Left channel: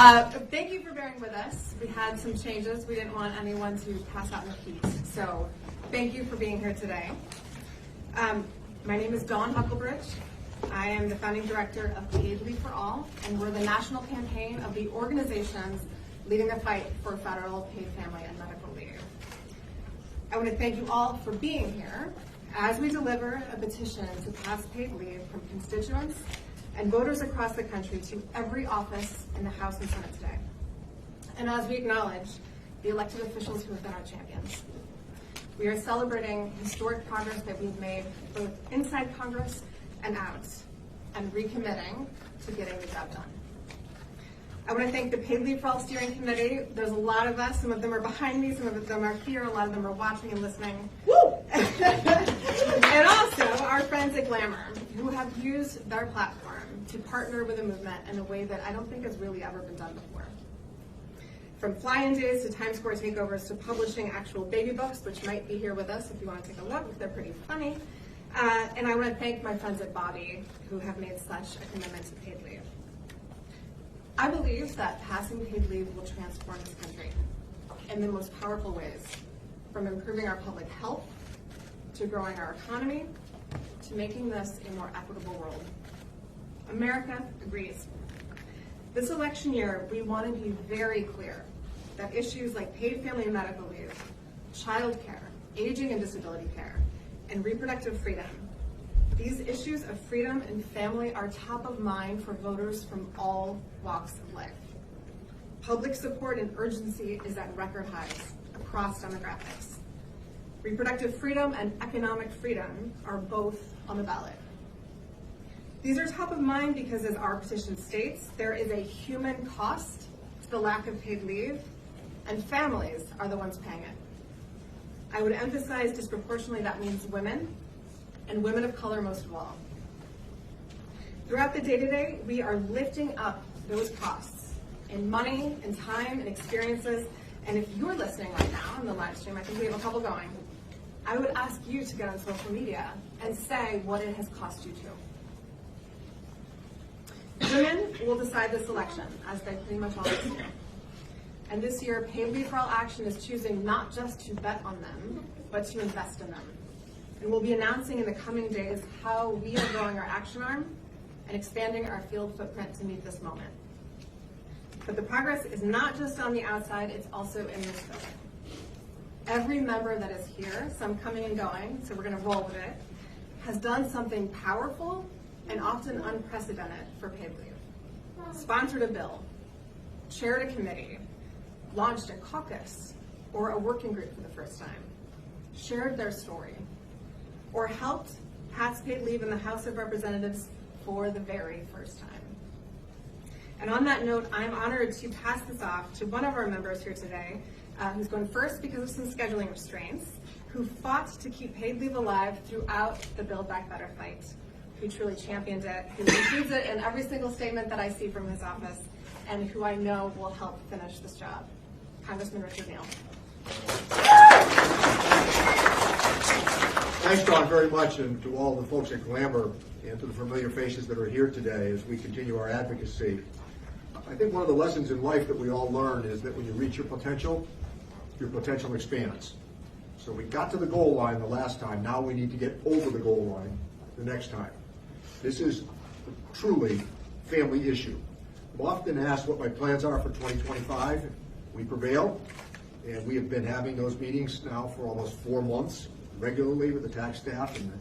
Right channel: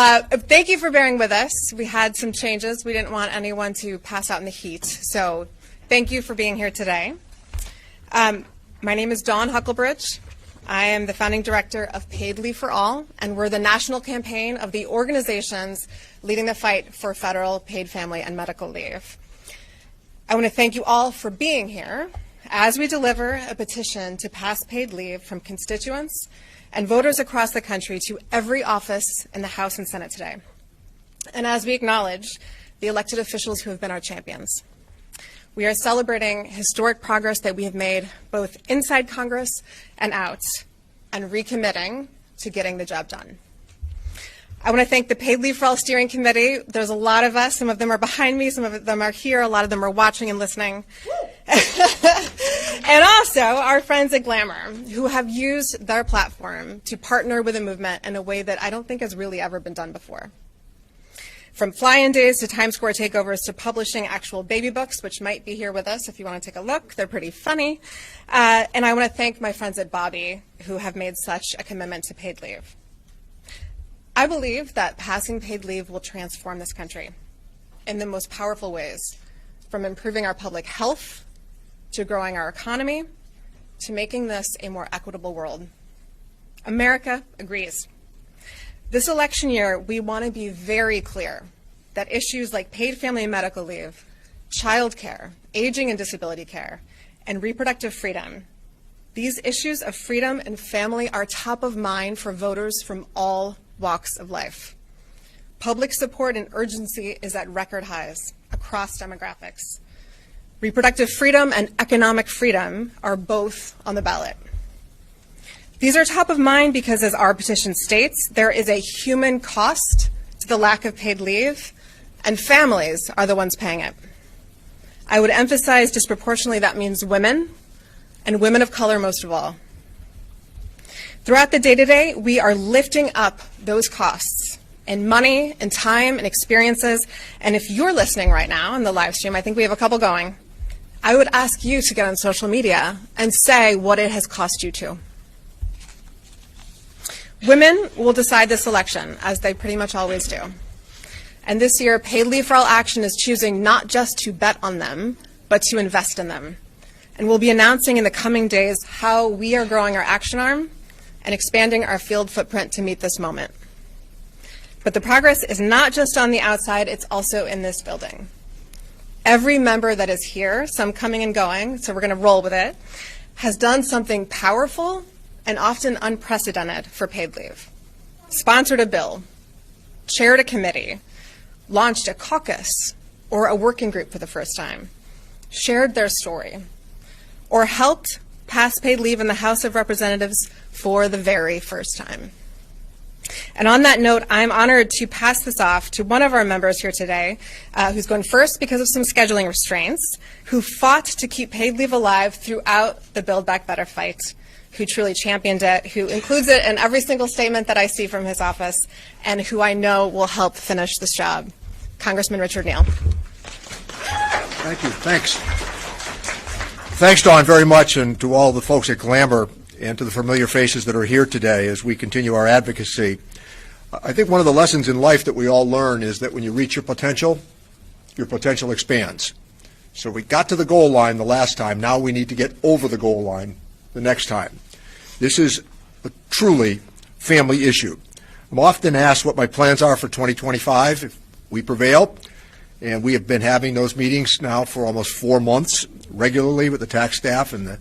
Thank you for bearing with us. We had some changes. We didn't want anyone to pass out in the heat. So thank you for being here today. My name is Dawn Huckelbridge. I am the founding director of Paid Leave for All, and we're the national campaign of the organizations leading the fight for federal paid family and medical leave. I want to thank you all for being here as we deliver a petition to pass paid leave from constituents and voters across the country to every office in the House and Senate today. And as we acknowledge the elected officials who have been our champions. We are celebrating historic progress that we have made both inside Congress and out, and recommitting to getting the job done. I want to thank the Paid Leave for All Steering Committee. There's a lot of us. Some of them are behind me. Some of them are here. A lot of them are watching and listening. And also our friends at Glamour, who have used their platform to partner with the movement in a way that I don't think has really ever been done before. From fly-in days to Times Square takeovers to publishing actual baby books, which might be here with us if you want to take a look. They're pretty funny. And I want to thank my friends at Bobby, who have made such a commitment to paid leave. I believe that passing paid leave will transform this country in the most powerful ways, from improving our public health to growing our economy to making this a more equitable world. America agrees. This election year, we want to be very clear that issues like paid family and medical leave, child care, aging and disability care, and reproductive freedom, these issues of freedom and family are top of mind for voters from all walks of life. Public support and urgency is at record highs across demographics. Reproductive freedom and economic freedom are both on the ballot. These are top of mind because, as our petition states, there is a human cost to the lack of paid leave, and families are the ones paying it. I would emphasize disproportionately that means women, and women of color most of all. Throughout the day-to-day, we are lifting up those costs in money, in time, and experiences. And if you're listening right now in the live stream, I think we have a couple going, I would ask you to get on social media and say what it has cost you too. Women will decide this election, as they pretty much always do. And this year, Paid Leave for All Action is choosing not just to bet on them, but to invest in them. And we'll be announcing in the coming days how we are growing our action arm and expanding our field footprint to meet this moment. But the progress is not just on the outside, it's also in this building. Every member that is here, some coming and going, so we're going to roll with it, has done something powerful and often unprecedented for paid leave. Sponsored a bill, chaired a committee, launched a caucus or a working group for the first time, shared their story, or helped pass paid leave in the House of Representatives for the very first time. And on that note, I'm honored to pass this off to one of our members here today, who's going first because of some scheduling restraints, who fought to keep paid leave alive throughout the Build Back Better fight, who truly championed it, who includes it in every single statement that I see from his office, and who I know will help finish this job. Congressman Richard Neal. Thank you. Thanks. Thanks, Dawn, very much, and to all the folks at Glamour and to the familiar faces that are here today as we continue our advocacy. I think one of the lessons in life that we all learn is that when you reach your potential expands. So we got to the goal line the last time. Now we need to get over the goal line the next time. This is a truly family issue. I'm often asked what my plans are for 2025 if we prevail, and we have been having those meetings now for almost 4 months regularly with the tax staff and the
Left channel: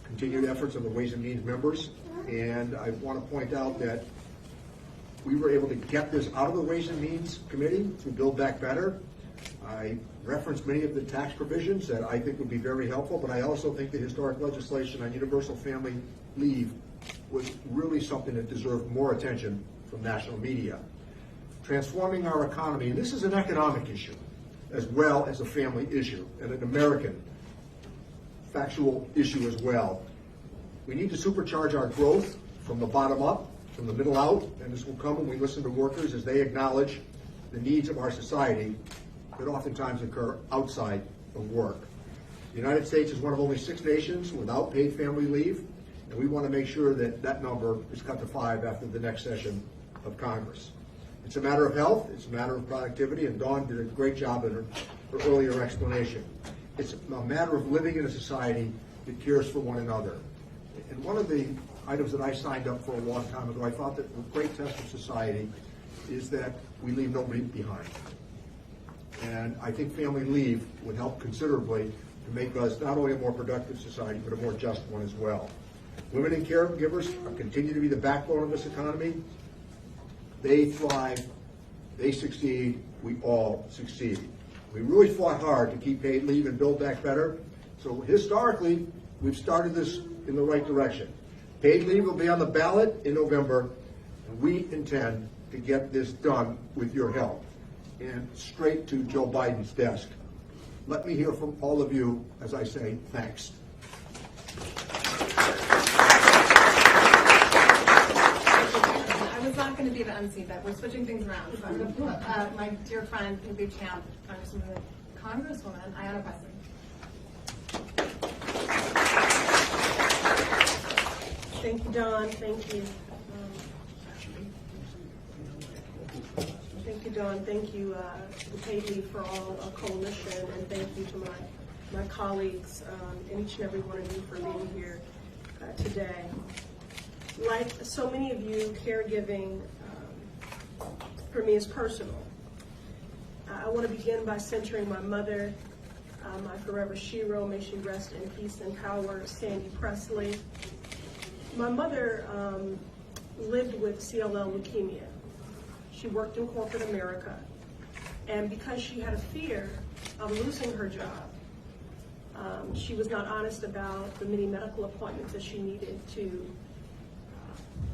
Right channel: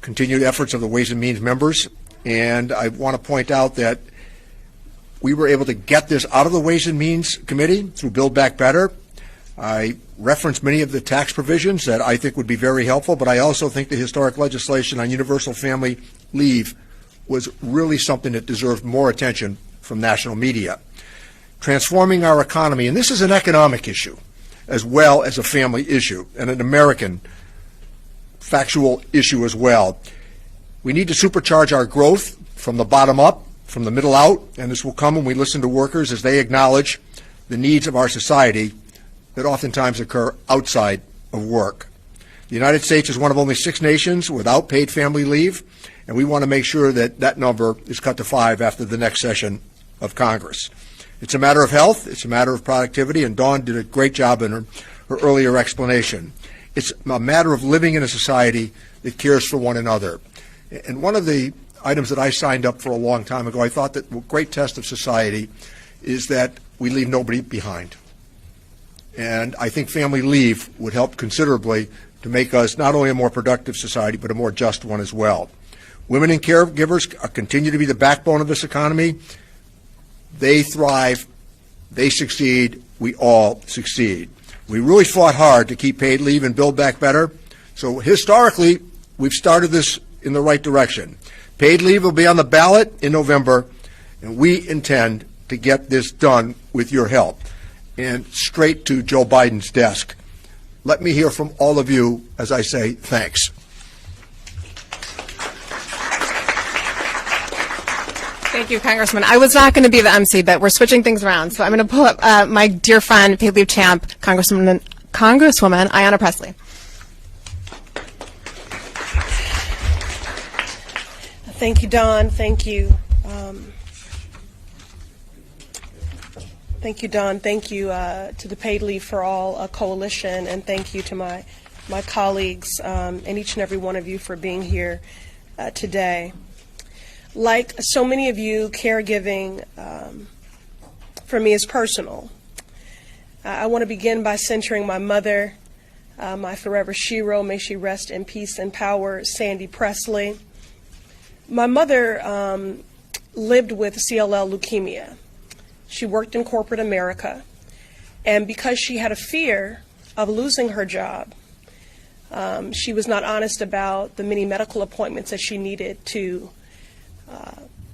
continued efforts of the Ways and Means members. And I want to point out that we were able to get this out of the Ways and Means Committee through Build Back Better. I referenced many of the tax provisions that I think would be very helpful, but I also think the historic legislation on universal family leave was really something that deserved more attention from national media. Transforming our economy, and this is an economic issue as well as a family issue and an American factual issue as well. We need to supercharge our growth from the bottom up, from the middle out, and this will come when we listen to workers as they acknowledge the needs of our society that oftentimes occur outside of work. The United States is one of only 6 nations without paid family leave, and we want to make sure that that number is cut to 5 after the next session of Congress. It's a matter of health, it's a matter of productivity, and Dawn did a great job in her earlier explanation. It's a matter of living in a society that cares for one another. And one of the items that I signed up for a long time ago, I thought that a great test of society is that we leave nobody behind. And I think family leave would help considerably to make us not only a more productive society, but a more just one as well. Women and caregivers continue to be the backbone of this economy. They thrive, they succeed, we all succeed. We really fought hard to keep paid leave and Build Back Better. So historically, we've started this in the right direction. Paid leave will be on the ballot in November, and we intend to get this done with your help and straight to Joe Biden's desk. Let me hear from all of you as I say thanks. Thank you, Congressman. I was not going to be the MC, but we're switching things around. So I'm going to pull up my dear friend, paid leave champ, Congresswoman Ayanna Pressley. Thank you, Dawn. Thank you. Thank you, Dawn. Thank you to the Paid Leave for All coalition, and thank you to my colleagues and each and every one of you for being here today. Like so many of you, caregiving for me is personal. I want to begin by centering my mother, my forever shero, may she rest in peace and power, Sandy Pressley. My mother lived with CLL leukemia. She worked in corporate America, and because she had a fear of losing her job, she was not honest about the many medical appointments that she needed to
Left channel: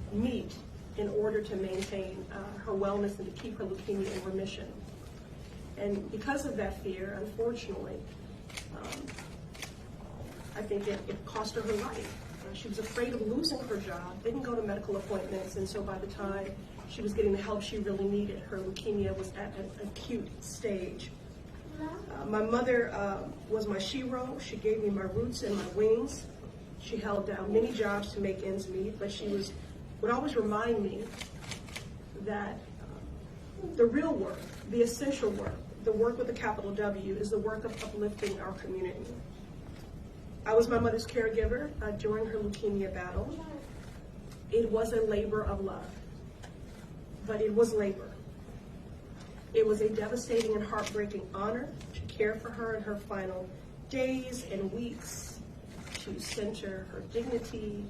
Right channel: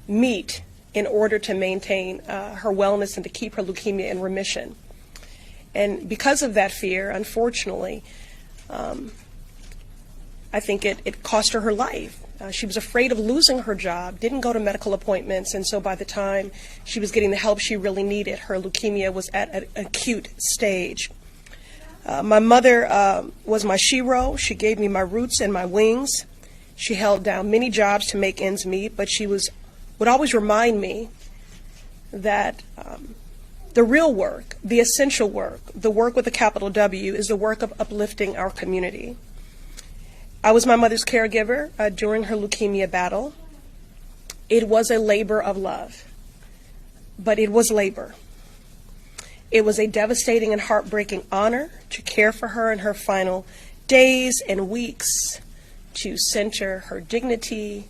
meet in order to maintain her wellness and to keep her leukemia in remission. And because of that fear, unfortunately, I think it cost her life. She was afraid of losing her job, didn't go to medical appointments, and so by the time she was getting the help she really needed, her leukemia was at an acute stage. My mother was my shero. She gave me my roots and my wings. She held down many jobs to make ends meet, but she would always remind me that the real work, the essential work, the work with a capital W, is the work of uplifting our community. I was my mother's caregiver during her leukemia battle. It was a labor of love, but it was labor. It was a devastating and heartbreaking honor to care for her in her final days and weeks, to center her dignity,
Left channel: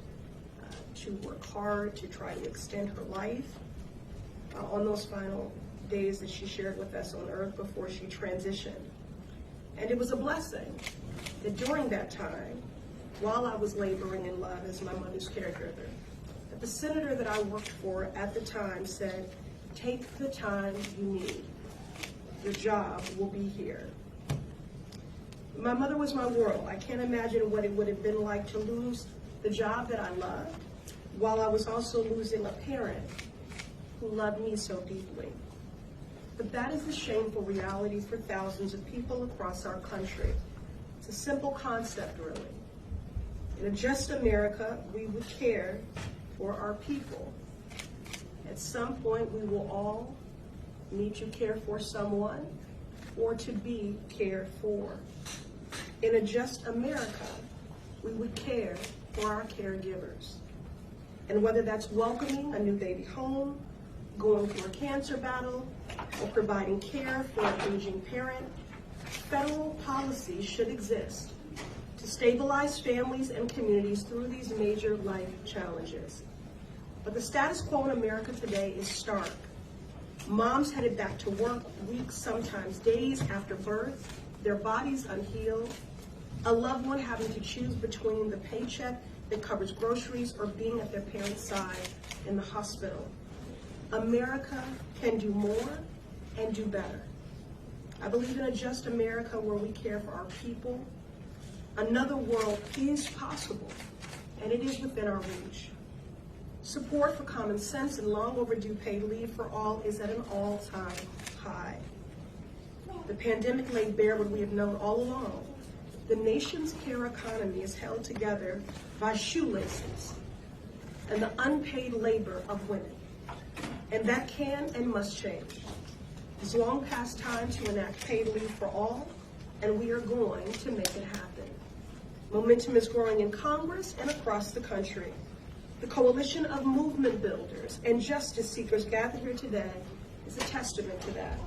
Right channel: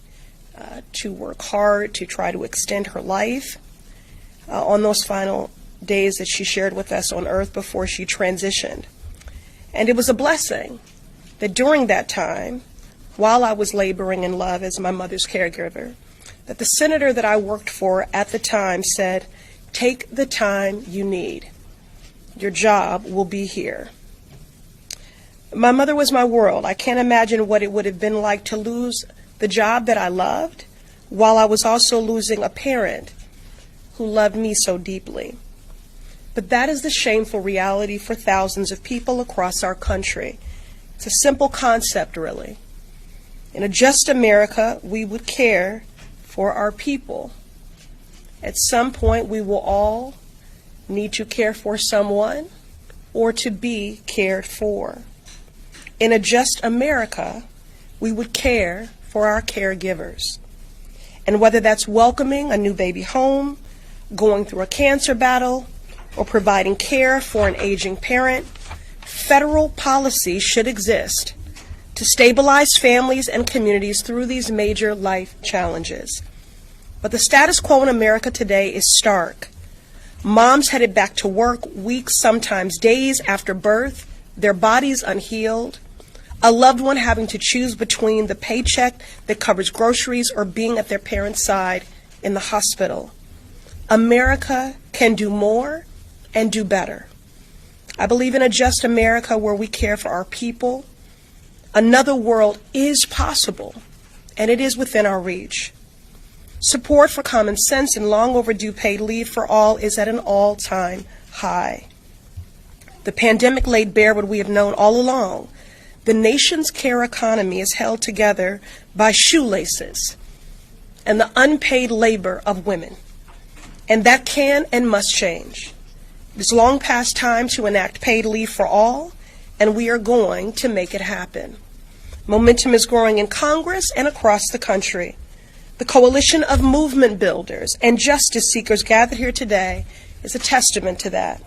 to work hard to try to extend her life on those final days that she shared with us on earth before she transitioned. And it was a blessing that during that time, while I was laboring in love as my mother's caregiver, that the senator that I worked for at the time said, "Take the time you need. Your job will be here." My mother was my world. I can't imagine what it would have been like to lose the job that I loved while I was also losing a parent who loved me so deeply. But that is the shameful reality for thousands of people across our country. It's a simple concept, really. In a just America, we would care for our people. At some point, we will all need to care for someone or to be cared for. In a just America, we would care for our caregivers. And whether that's welcoming a new baby home, going through a cancer battle, or providing care for an aging parent, federal policy should exist to stabilize families and communities through these major life challenges. But the status quo in America today is stark. Moms headed back to work weeks, sometimes days after birth, their bodies unhealed, a loved one having to choose between the paycheck that covers groceries or being at their parent's side in the hospital. America can do more and do better. I believe in a just America where we care for our people. Another world is possible, and it is within our reach. Support for common sense and long overdue paid leave for all is at an all-time high. The pandemic laid bare what we have known all along. The nation's care economy is held together by shoelaces and the unpaid labor of women. And that can and must change. It's long past time to enact paid leave for all, and we are going to make it happen. Momentum is growing in Congress and across the country. The coalition of movement builders and justice seekers gathered here today is a testament to that.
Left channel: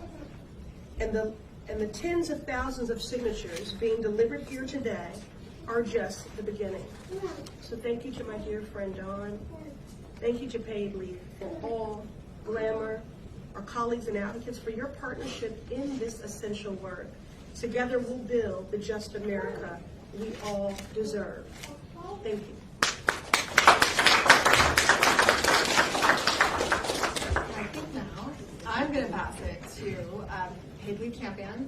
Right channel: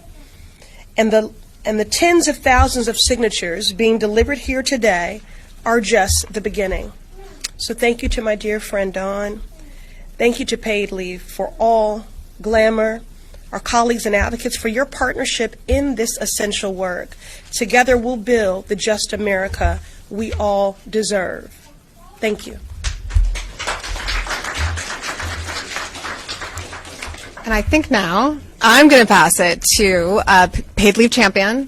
And the tens of thousands of signatures being delivered here today are just the beginning. So thank you to my dear friend Dawn. Thank you to Paid Leave for All, Glamour, our colleagues and advocates for your partnership in this essential work. Together we'll build the just America we all deserve. Thank you. And I think now I'm going to pass it to Paid Leave champion,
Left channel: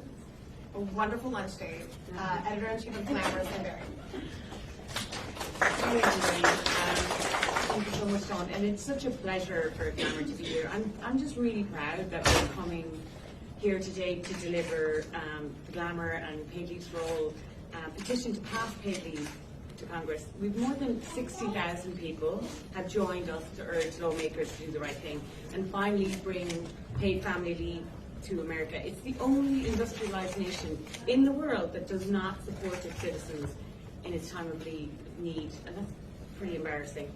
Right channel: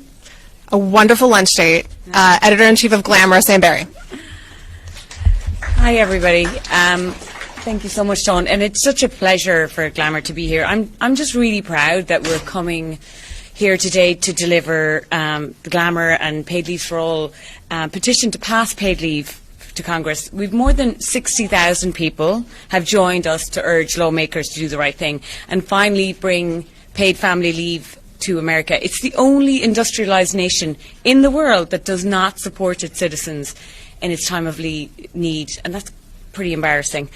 a wonderful lunch date, editor-in-chief of Glamour, Sam Barry. Hi, everybody. Thank you so much, Dawn. And it's such a pleasure for Glamour to be here. I'm just really proud that we're coming here today to deliver the Glamour and Paid Leave for All petition to pass paid leave to Congress. We've more than 60,000 people have joined us to urge lawmakers to do the right thing and finally bring paid family leave to America. It's the only industrialized nation in the world that does not support its citizens in its time of need, and that's pretty embarrassing.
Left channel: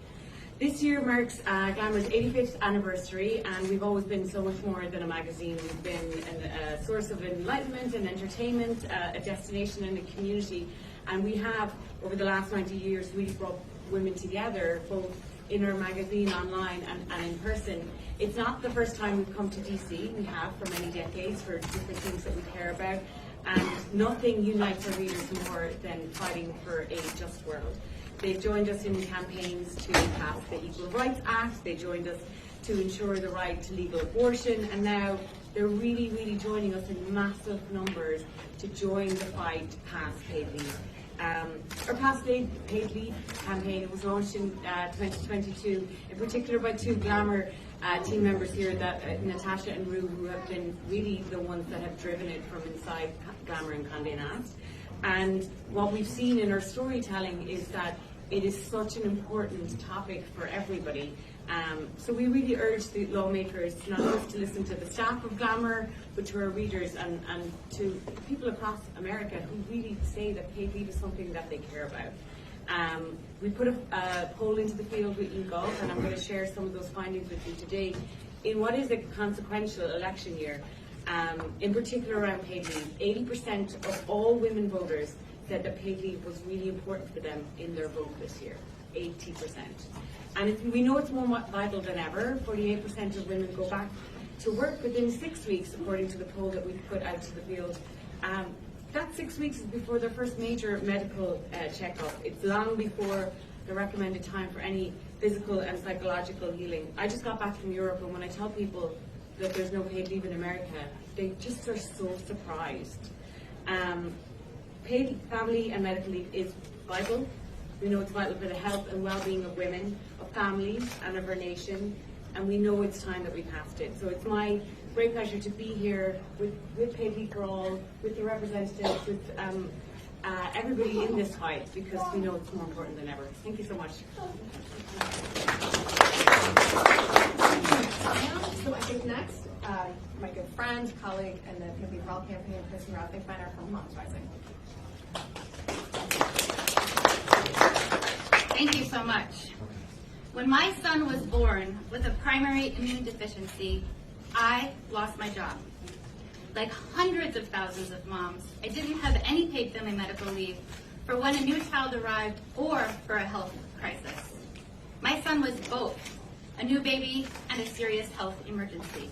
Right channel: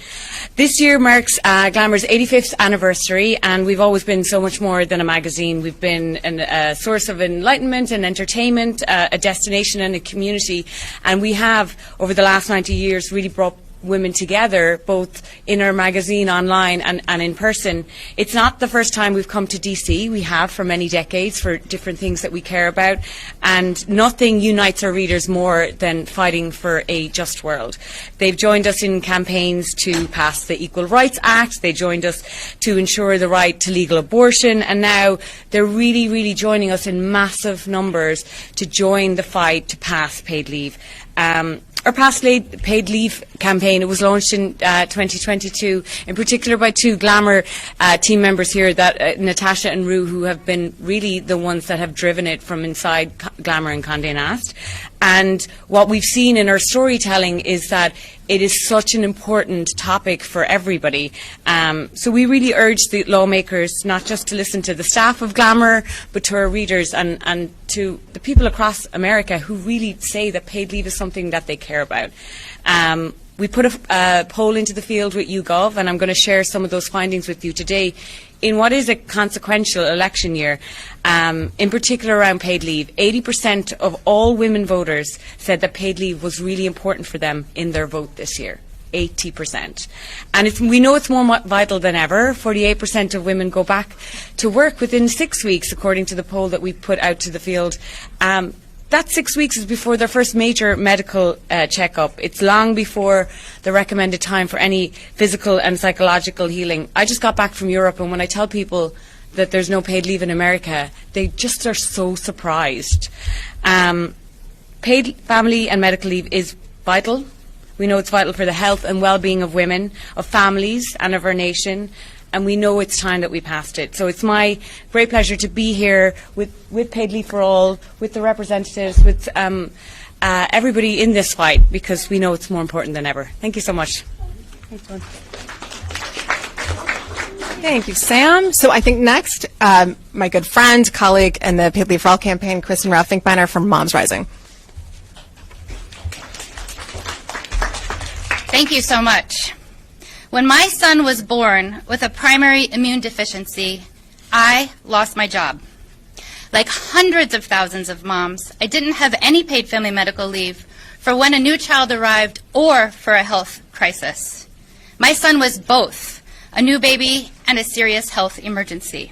This year marks Glamour's 85th anniversary, and we've always been so much more than a magazine. We've been a source of enlightenment and entertainment, a destination and a community, and we have, over the last 90 years, really brought women together, both in our magazine, online and in person. It's not the first time we've come to DC. We have for many decades for different things that we care about, and nothing unites our readers more than fighting for a just world. They've joined us in campaigns to pass the Equal Rights Act. They joined us to ensure the right to legal abortion, and now they're really joining us in massive numbers to join the fight to pass paid leave. Our past paid leave campaign, it was launched in 2022, in particular by two Glamour team members here, Natasha and Rue, who have been really the ones that have driven it from inside Glamour and Condé Nast. And what we've seen in our storytelling is that it is such an important topic for everybody. So we really urge the lawmakers not just to listen to the staff of Glamour, but to our readers and to the people across America who really say that paid leave is something that they care about. We put a poll into the field with YouGov, and I'm going to share some of those findings with you today. In what is a consequential election year, in particular around paid leave, 80% of all women voters said that paid leave was really important for them in their vote this year. 80%. And we know it's more vital than ever. 48% of women go back to work within 6 weeks, according to the poll that we put out to the field. That 6 weeks is before their first major medical checkup. It's long before the recommended time for any physical and psychological healing. I just got back from Europe, and when I tell people that there's no paid leave in America, they just are so surprised. Paid family and medical leave is vital. We know it's vital for the health and well-being of women, of families, and of our nation. And we know it's time that we passed it. So it's my great pleasure to be here with Paid Leave for All, with the representatives, with everybody in this fight, because we know it's more important than ever. Thank you so much. Thank you, Sam. So I think next, my good friend, colleague, and the Paid Leave for All campaign, Kristen Rao-Finkbeiner from Moms Rising. Thank you so much. When my son was born with a primary immune deficiency, I lost my job. Like hundreds of thousands of moms, I didn't have any paid family medical leave for when a new child arrived or for a health crisis. My son was both a new baby and a serious health emergency.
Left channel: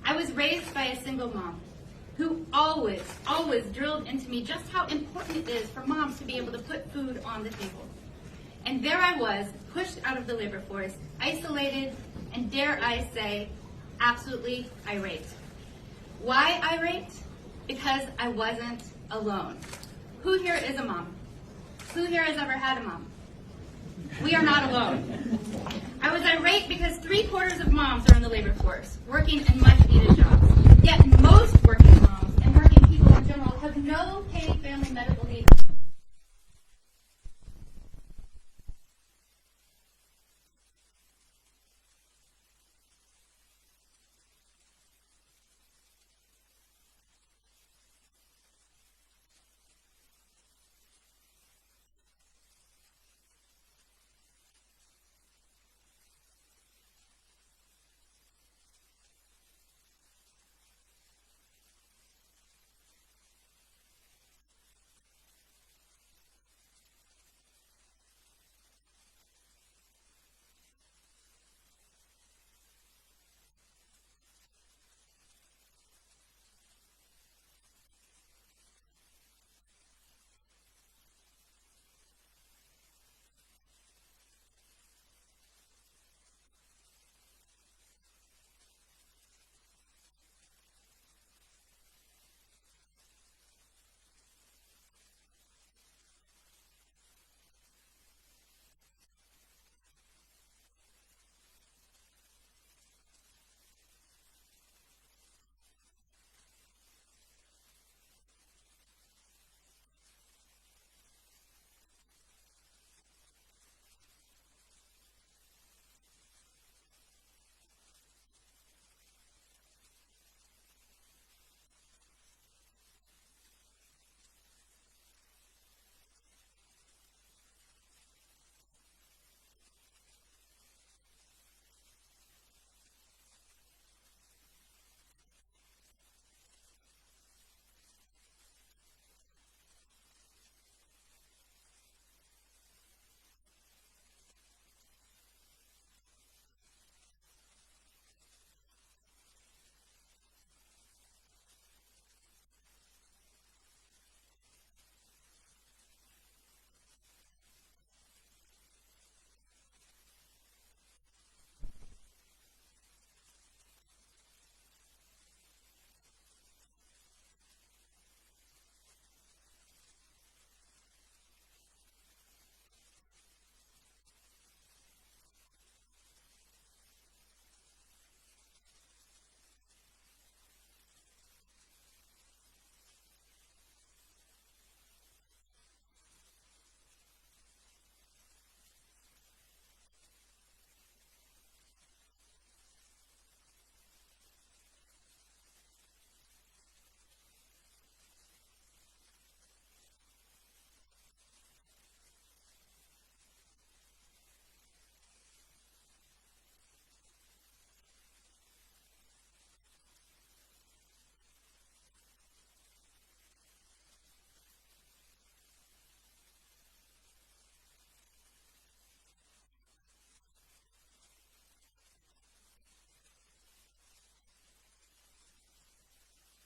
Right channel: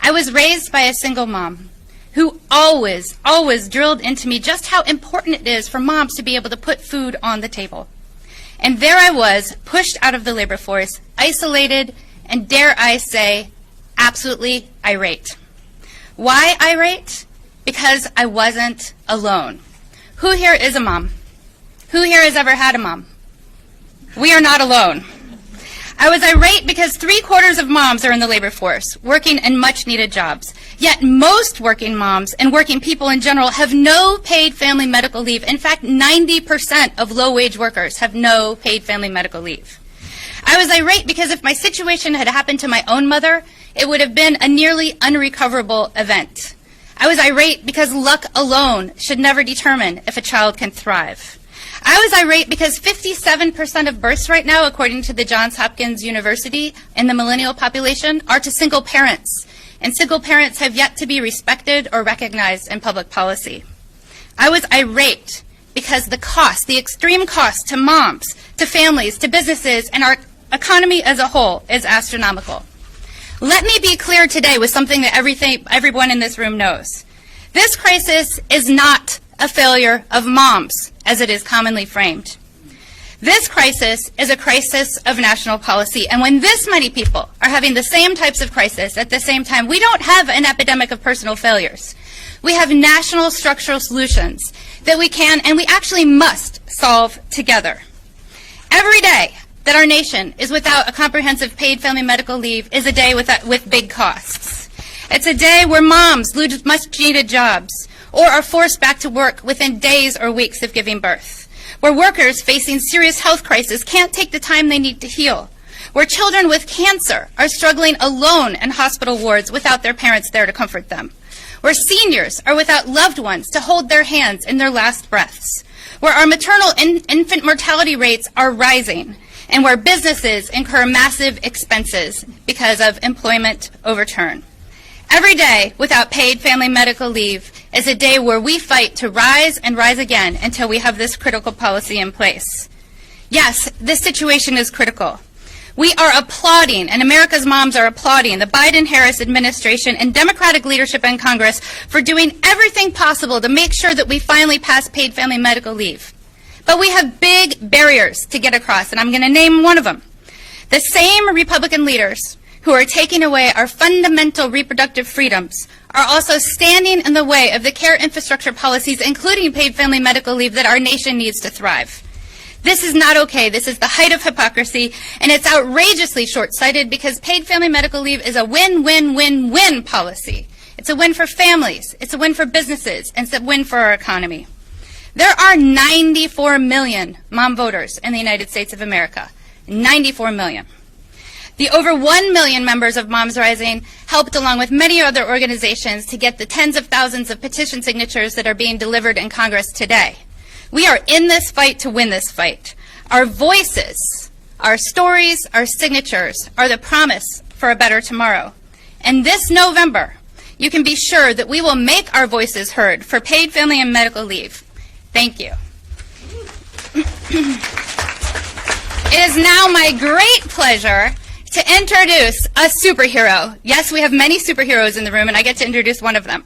I was raised by a single mom who always drilled into me just how important it is for moms to be able to put food on the table. And there I was, pushed out of the labor force, isolated, and dare I say, absolutely irate. Why irate? Because I wasn't alone. Who here is a mom? Who here has ever had a mom? We are not alone. I was irate because 3/4 of moms are in the labor force, working in much-needed jobs. Yet most working moms and working people in general have no paid family medical leave. In fact, 90% of low-wage workers have no paid family medical leave. I was irate because if my situation had happened to my own mother, it would have been a nearly unrecoverable event. I was irate because luck alone should never determine if a child can thrive. I was irate because 57% of births right now, according to the Johns Hopkins University, in the millennial population, are to single parents, and single parents have yet to be respected or recognized in public policy. I was irate because the cost, the extreme cost to moms, to families, to businesses, and our economy as a whole is astronomical. Let me be clear today with something that everyone in this room knows. This crisis is not a failure of moms, as it is commonly framed. This crisis is a crisis of national policy, and when this many people are having the same types of crisis at the same time, we don't have an epidemic of personal failures. We have national structural solutions that we can and we actually must solve together. Every day that our nation is without a comprehensive paid family medical leave is a day with big costs. It's a day where moms lose much-needed jobs or are forced back to work within days or weeks of giving birth, where workers facing serious health crises can't take the time they need to heal, where children with cancer are struggling alone in hospital wards without their parents there to comfort them, where seniors are without loved ones to hold their hands in their last breaths, where our maternal infant mortality rates are rising, and where businesses incur massive expenses because of employment overturn. Every day without paid family medical leave is a day where we fight to rise and rise again until we have this critical policy in place. Yes, this situation is critical. We are applauding, and America's moms are applauding, the Biden-Harris administration and Democratic leadership in Congress for doing everything possible to make sure that we finally pass paid family medical leave. But we have big barriers to get across, and I'm going to name one of them. The same Republican leaders who are taking away our fundamental reproductive freedoms are also standing in the way of the care infrastructure policies, including paid family medical leave, that our nation needs to thrive. This is not okay. This is the height of hypocrisy, and it's outrageously short-sighted because paid family medical leave is a win-win-win-win policy. It's a win for families, it's a win for businesses, and it's a win for our economy. There are 94 million mom voters in the United States of America. 94 million. The over 1 million members of Moms Rising helped, along with many other organizations, to get the tens of thousands of petition signatures that are being delivered in Congress today. We are in this fight to win this fight. Our voices, our stories, our signatures are the promise for a better tomorrow. And this November, you can be sure that we will make our voices heard for paid family and medical leave. Thank you. It is now my great pleasure to introduce a superhero. Yes, we have many superheroes in the room, and I get to introduce one of them.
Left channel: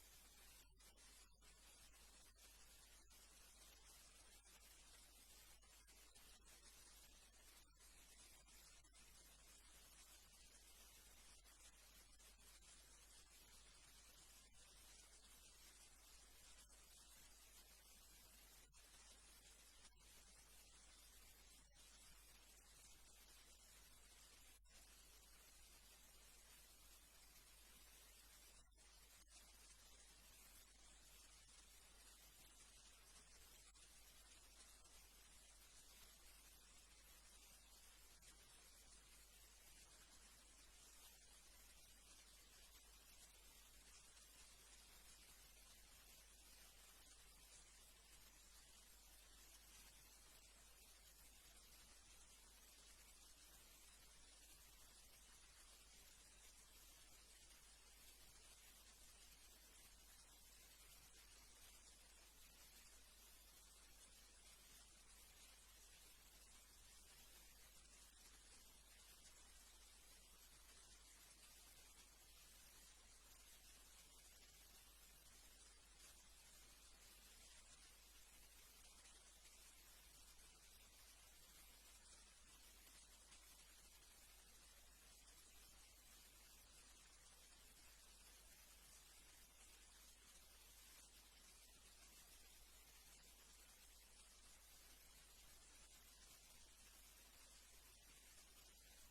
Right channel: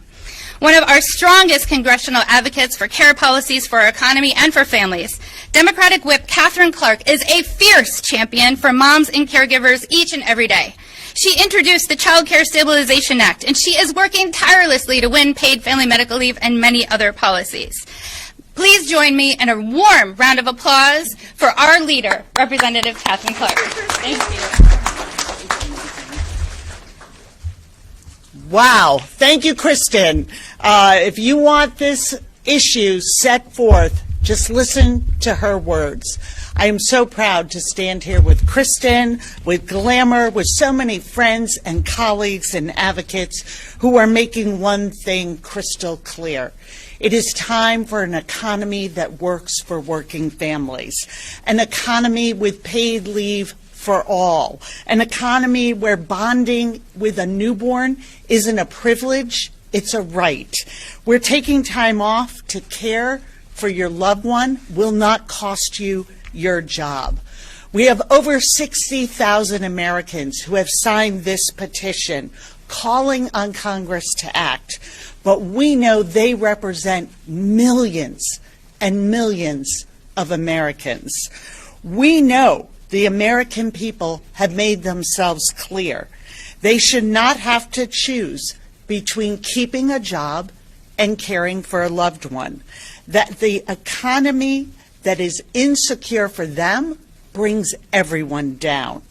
One of our strongest congressional advocates for care policies for our economy and for families, Democratic Whip Katherine Clark is a fierce champion for moms and caregivers each and every day. She introduced the Child Care Stabilization Act, and she is working tirelessly to win paid family medical leave and many other policies. Please join me in a warm round of applause for our leader, Representative Katherine Clark. Thank you. Wow. Thank you, Kristen. If you want this issue set forth, just listen to her words. I am so proud to stand here with Kristen, with Glamour, with so many friends and colleagues and advocates who are making one thing crystal clear. It is time for an economy that works for working families, an economy with paid leave for all, an economy where bonding with a newborn isn't a privilege, it's a right. Where taking time off to care for your loved one will not cost you your job. We have over 60,000 Americans who have signed this petition calling on Congress to act, but we know they represent millions and millions of Americans. We know the American people have made themselves clear. They should not have to choose between keeping a job and caring for a loved one. That the economy that is insecure for them brings everyone down.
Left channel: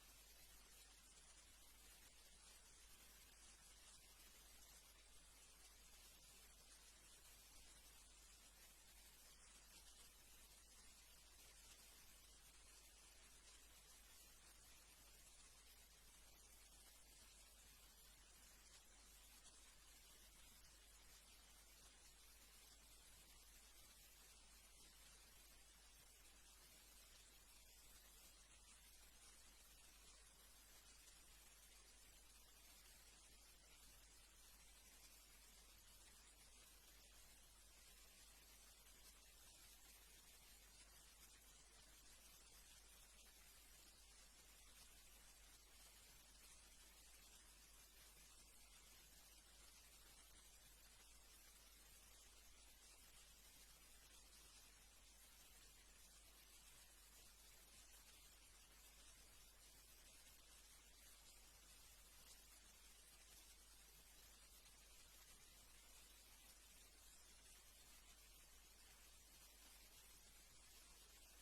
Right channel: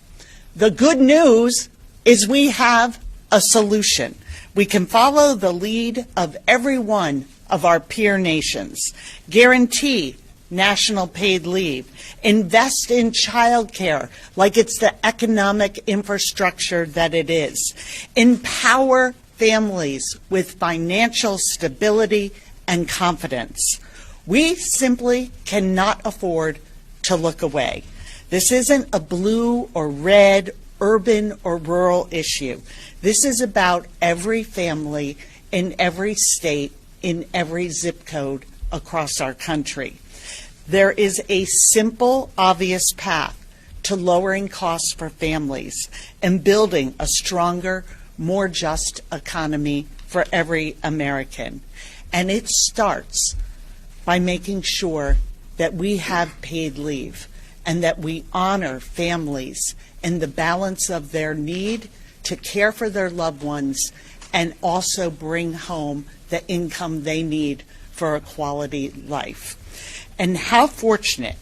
The good news is we have a solution. We can follow the lead of every one of our peer nations, guarantee national paid leave. Invest in childcare like it's the economic infrastructure that it is. Empower families with financial stability and confidence. We simply cannot afford to look away. This isn't a blue or red, urban or rural issue. This is about every family in every state, in every zip code across our country. There is a simple, obvious path to lowering costs for families and building a stronger, more just economy for every American. And it starts by making sure that we have paid leave and that we honor families in the balance of their need to care for their loved ones and also bring home the income they need for a quality life. And how fortunate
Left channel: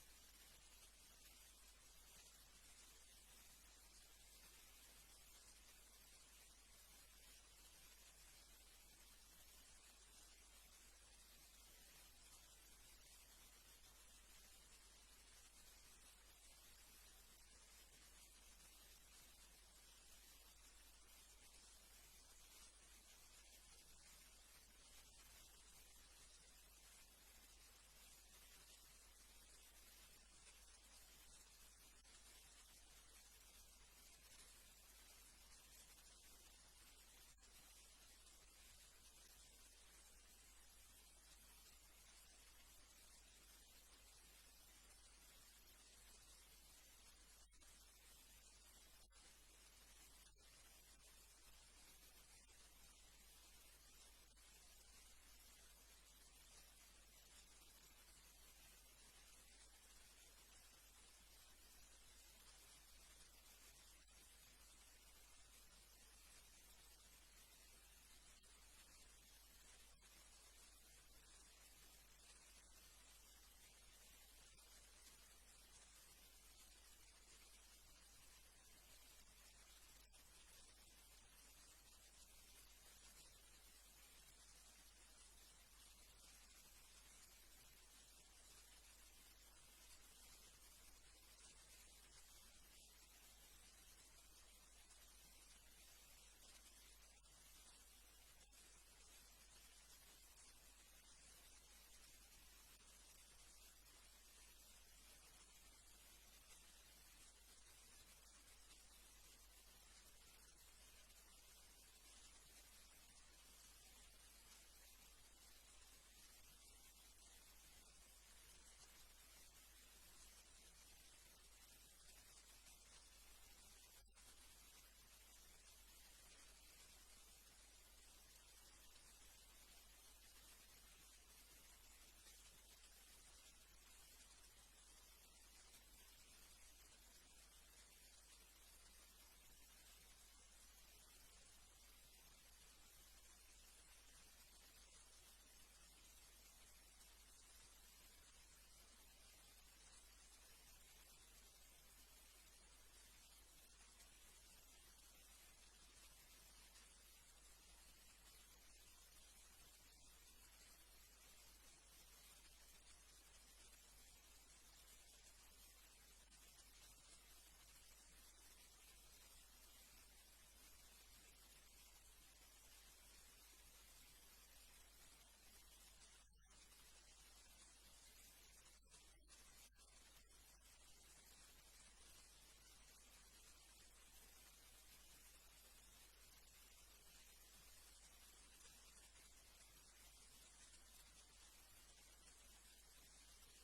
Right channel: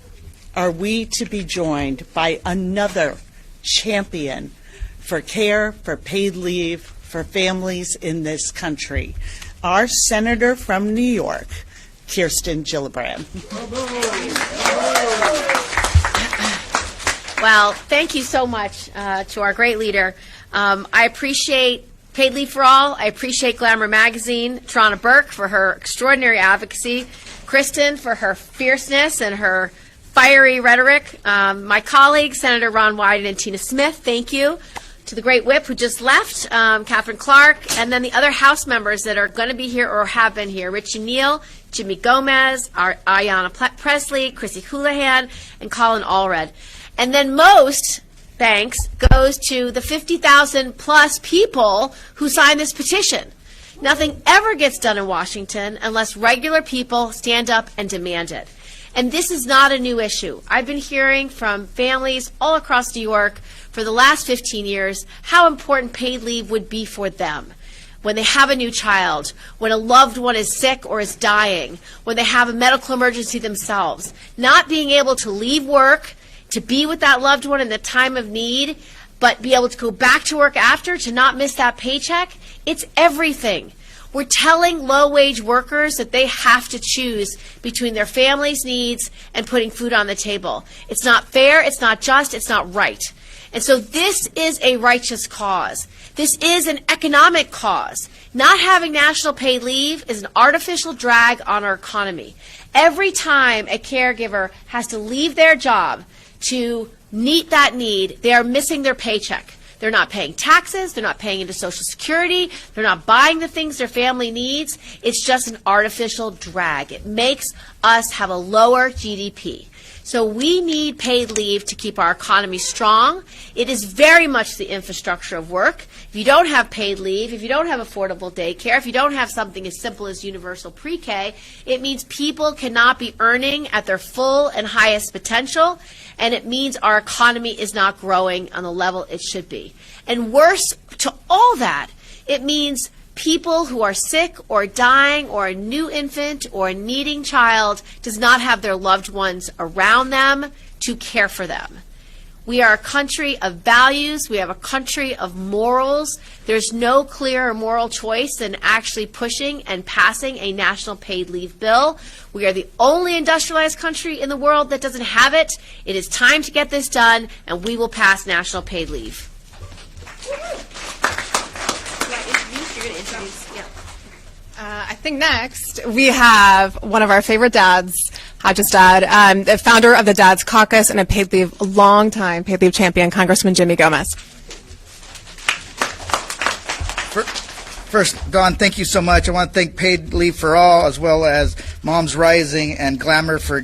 are we to be joined by another champion for care, for paid leave, for families in this country, our Senator from New York, Kirsten Gillibrand. Well, thank you so much to our great leader. I appreciate Paid Leave for All. I appreciate Glamour Magazine, Tarana Burke for her extraordinary advocacy, Kristen for her fierceness and her fiery rhetoric, my colleagues, Senator Ron Wyden and Tina Smith, thank you. To the great whip who just left, Catherine Clark, and then the other House members that are going to be here or have been here, Richie Neal, Jimmy Gomez, Ayanna Pressley, Chrissy Houlihan, and Colin Allred. And then most thanks goes to the 50,000 plus people who signed this petition. Nothing ever gets done in Washington unless regular people stand up and demand it. And this is not a new issue. I've been hearing from families all across New York for the last 15 years how important paid leave would be for them. When they have a new child, when a loved one is sick or is dying, when they have a medical emergency themselves, not being able to leave work to be with that loved one in the time of need, but be able to go back to work after to not miss that paycheck, it's everything. We're telling low-wage workers that they have to choose between their family's needs and putting food on the table. It's not fair, it's not just, it's not right. And so this is a righteous cause. This is an economic cause. Not having national paid leave is an artificial drag on our economy. Every time a caregiver has to leave their job to meet that need, they are missing their paycheck. They're not paying taxes, they're not paying into Social Security, they're not buying the things their family needs. It's just an artificial drag. It makes us have a lower GDP. So we need paid leave to keep our economy strong. It is very much the infrastructure of work. If you don't have paid leave, if you don't have affordable daycare, if you don't have something as simple as universal pre-K, it means people cannot be earning at their full and highest potential, and it means our economy is not growing on the level it should be. And worse to all that, it means people who are sick or dying or a new infant or a needing child does not have their loved ones around them to care for them. We are a country of values. We have a country of morals. There's no clearer moral choice than actually pushing and passing a national paid leave bill. We are the only industrialized country in the world that doesn't have it. It is time to get this done, and we will pass national paid leave. I think next we have one of our favorite dads, Hodges' dad, the founder of the Dads Caucus and a long-time paid leave champion, Congressman Jimmy Gomez. First, Dawn, thank you so much. I want to thank Paid Leave for All as well as Moms Rising and Glamour for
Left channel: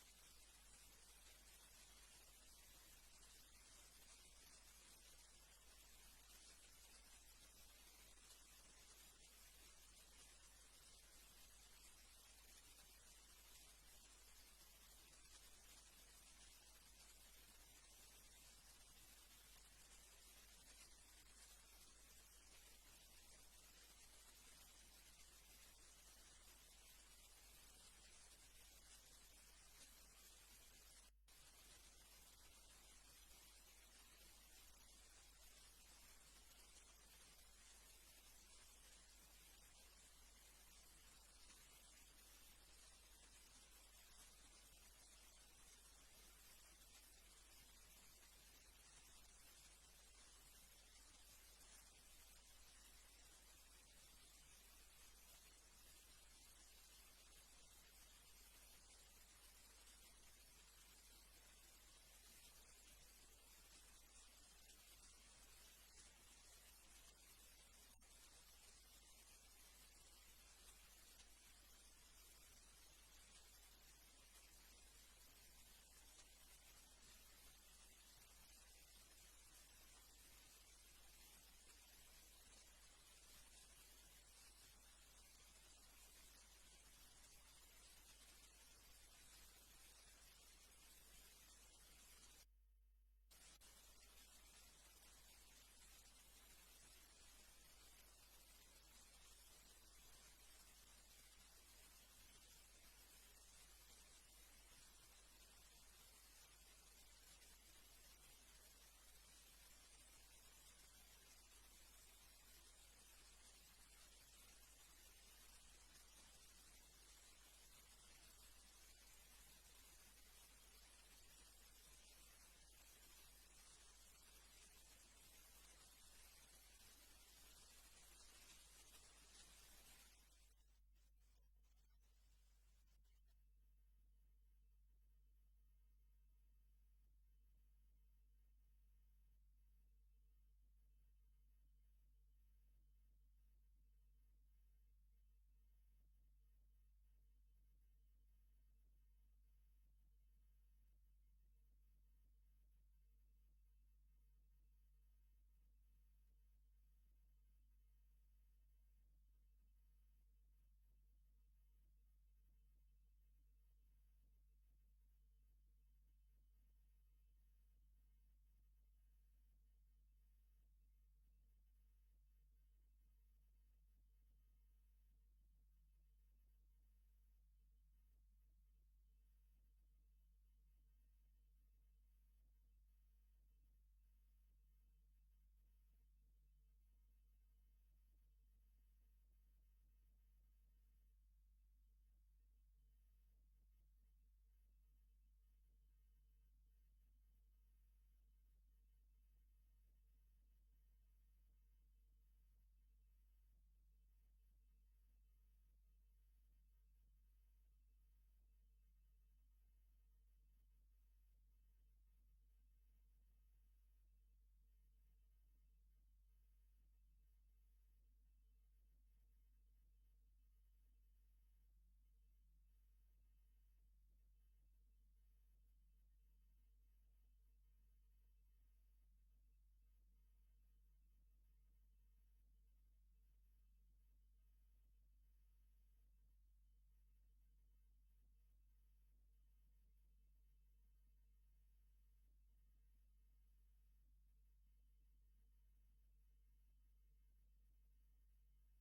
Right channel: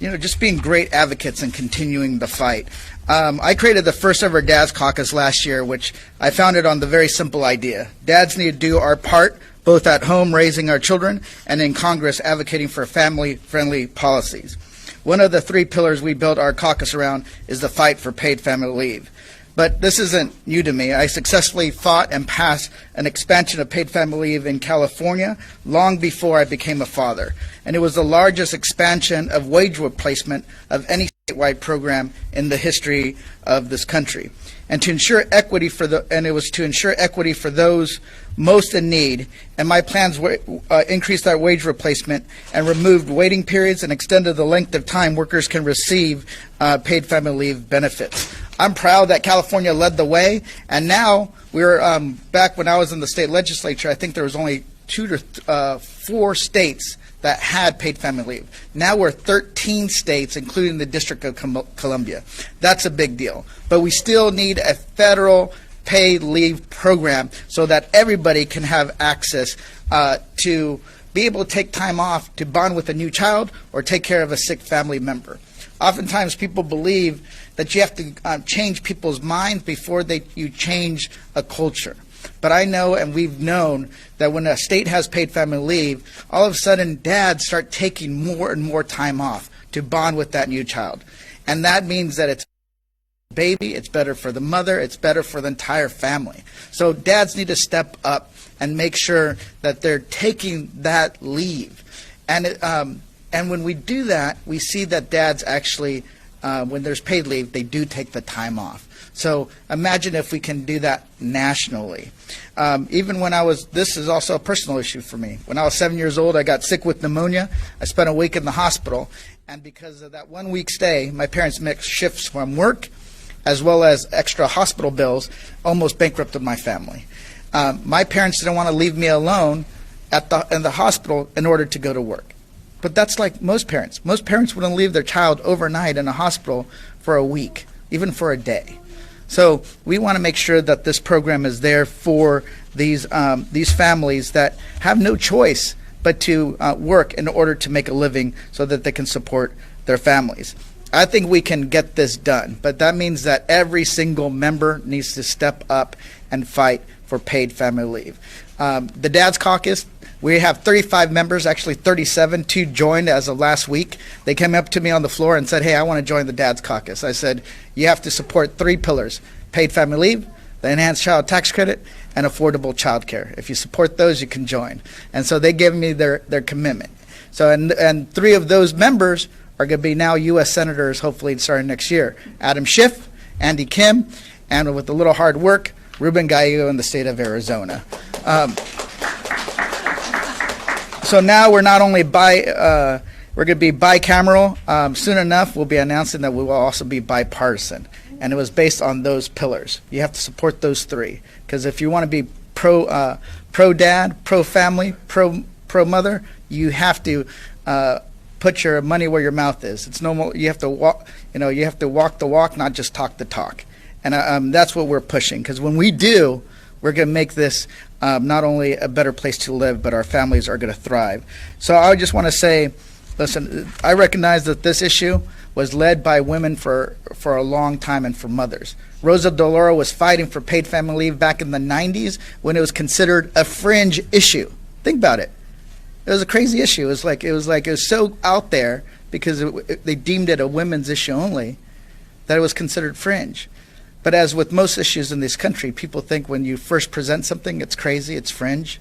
just being great advocates and continuing the fight. I created the first ever Dads Caucus last year, which I founded on the very simple idea. Dads need to do our part, both at home raising our children and in Congress advocating for family-friendly policies. One of the three pillars we built our caucus around is the fight for paid family leave. But this isn't new to me. I successfully fought and passed an expansion of paid family leave in California long before I became a father. And it was the largest expansion of wage replacement of any statewide program in the history of this country, and to ensure equity it was to ensure equity for those most in need. And my plans increased that wage replacement and removed waiting periods and extended the length of time workers can receive paid family leave benefits. I'm proud that California led the way, and now we're back when I was in the state legislature. I think there was only 2 to 4 states that had paid family leave. Now we're 13 states, including the District of Columbia. That's a big deal. But we still need a federal paid leave program so that everybody can have access to be able to take time off to bond with a new child or take care of a sick family member. Oftentimes people believe that you have to change people's minds before you change a culture. But I know, and we've known, that when a state has paid family leave, all of a sudden dads start taking more and more time off to bond with that new child. And that means that it's baby, it's better for the mother, it's better for the entire family. So dads need to step up and make sure that they're taking that leave. And when we do that, we see that dads actually, when there's paid leave, they do take the time off. So imagine if we can do that nationally. Even when this is also a personal issue for me. When I was 7 years old, I got sick with pneumonia. I spent a week in the hospital. And because of that 1 week stay, my parents mixed shifts from work as well as extra hospital bills, almost bankrupted my family. My parents didn't want to leave me alone in the hospital in order to go to work. But that's like most parents. Most parents wouldn't leave their child overnight in a hospital for a week, even for a day. So we want to make sure that this program is there for these families that have no choice but to work in order to make a living so that they can support their families. I think we can get this done, but that means that every single member needs to step up and fight for paid family leave. The Dad's Caucus, we have 35 members, actually 37. 2 joined as of last week. They came up to me on the floor and said, hey, I want to join the Dad's Caucus. I said, you have to support 3 pillars: paid family leave, the enhanced child tax credit, and affordable child care. If you support those, you can join. And so they gave me their commitment. So and 3 of those members are going to be now U.S. senators, hopefully starting next year. Adam Schiff, Andy Kim, and with a little hard work, Ruben Gallego in the state of Arizona. So now we're not only we're going to be bicameral. Soon enough, we'll be announcing that we will also be bipartisan. And it was based on those pillars. You have to support those 3. Because if you want to be pro-dad, pro-family, pro-mother, you have to put your money where your mouth is. It's no more, you have to walk, you have to walk the walk, not just talk the talk. And that's what we're pushing, because when we do, we're going to make this not only a better place to live, but our families are going to thrive. So I just want to say, listen, I recognize that this issue was led by women for a long time and for mothers. Rosa DeLauro was fighting for paid family leave back in the 90s when it was considered a fringe issue. Think about it. It was a crazy issue. It was so out there because they deemed it a women's issue only that it was considered fringe. But as with most issues in this country, people think when you first present something, it's crazy, it's fringe.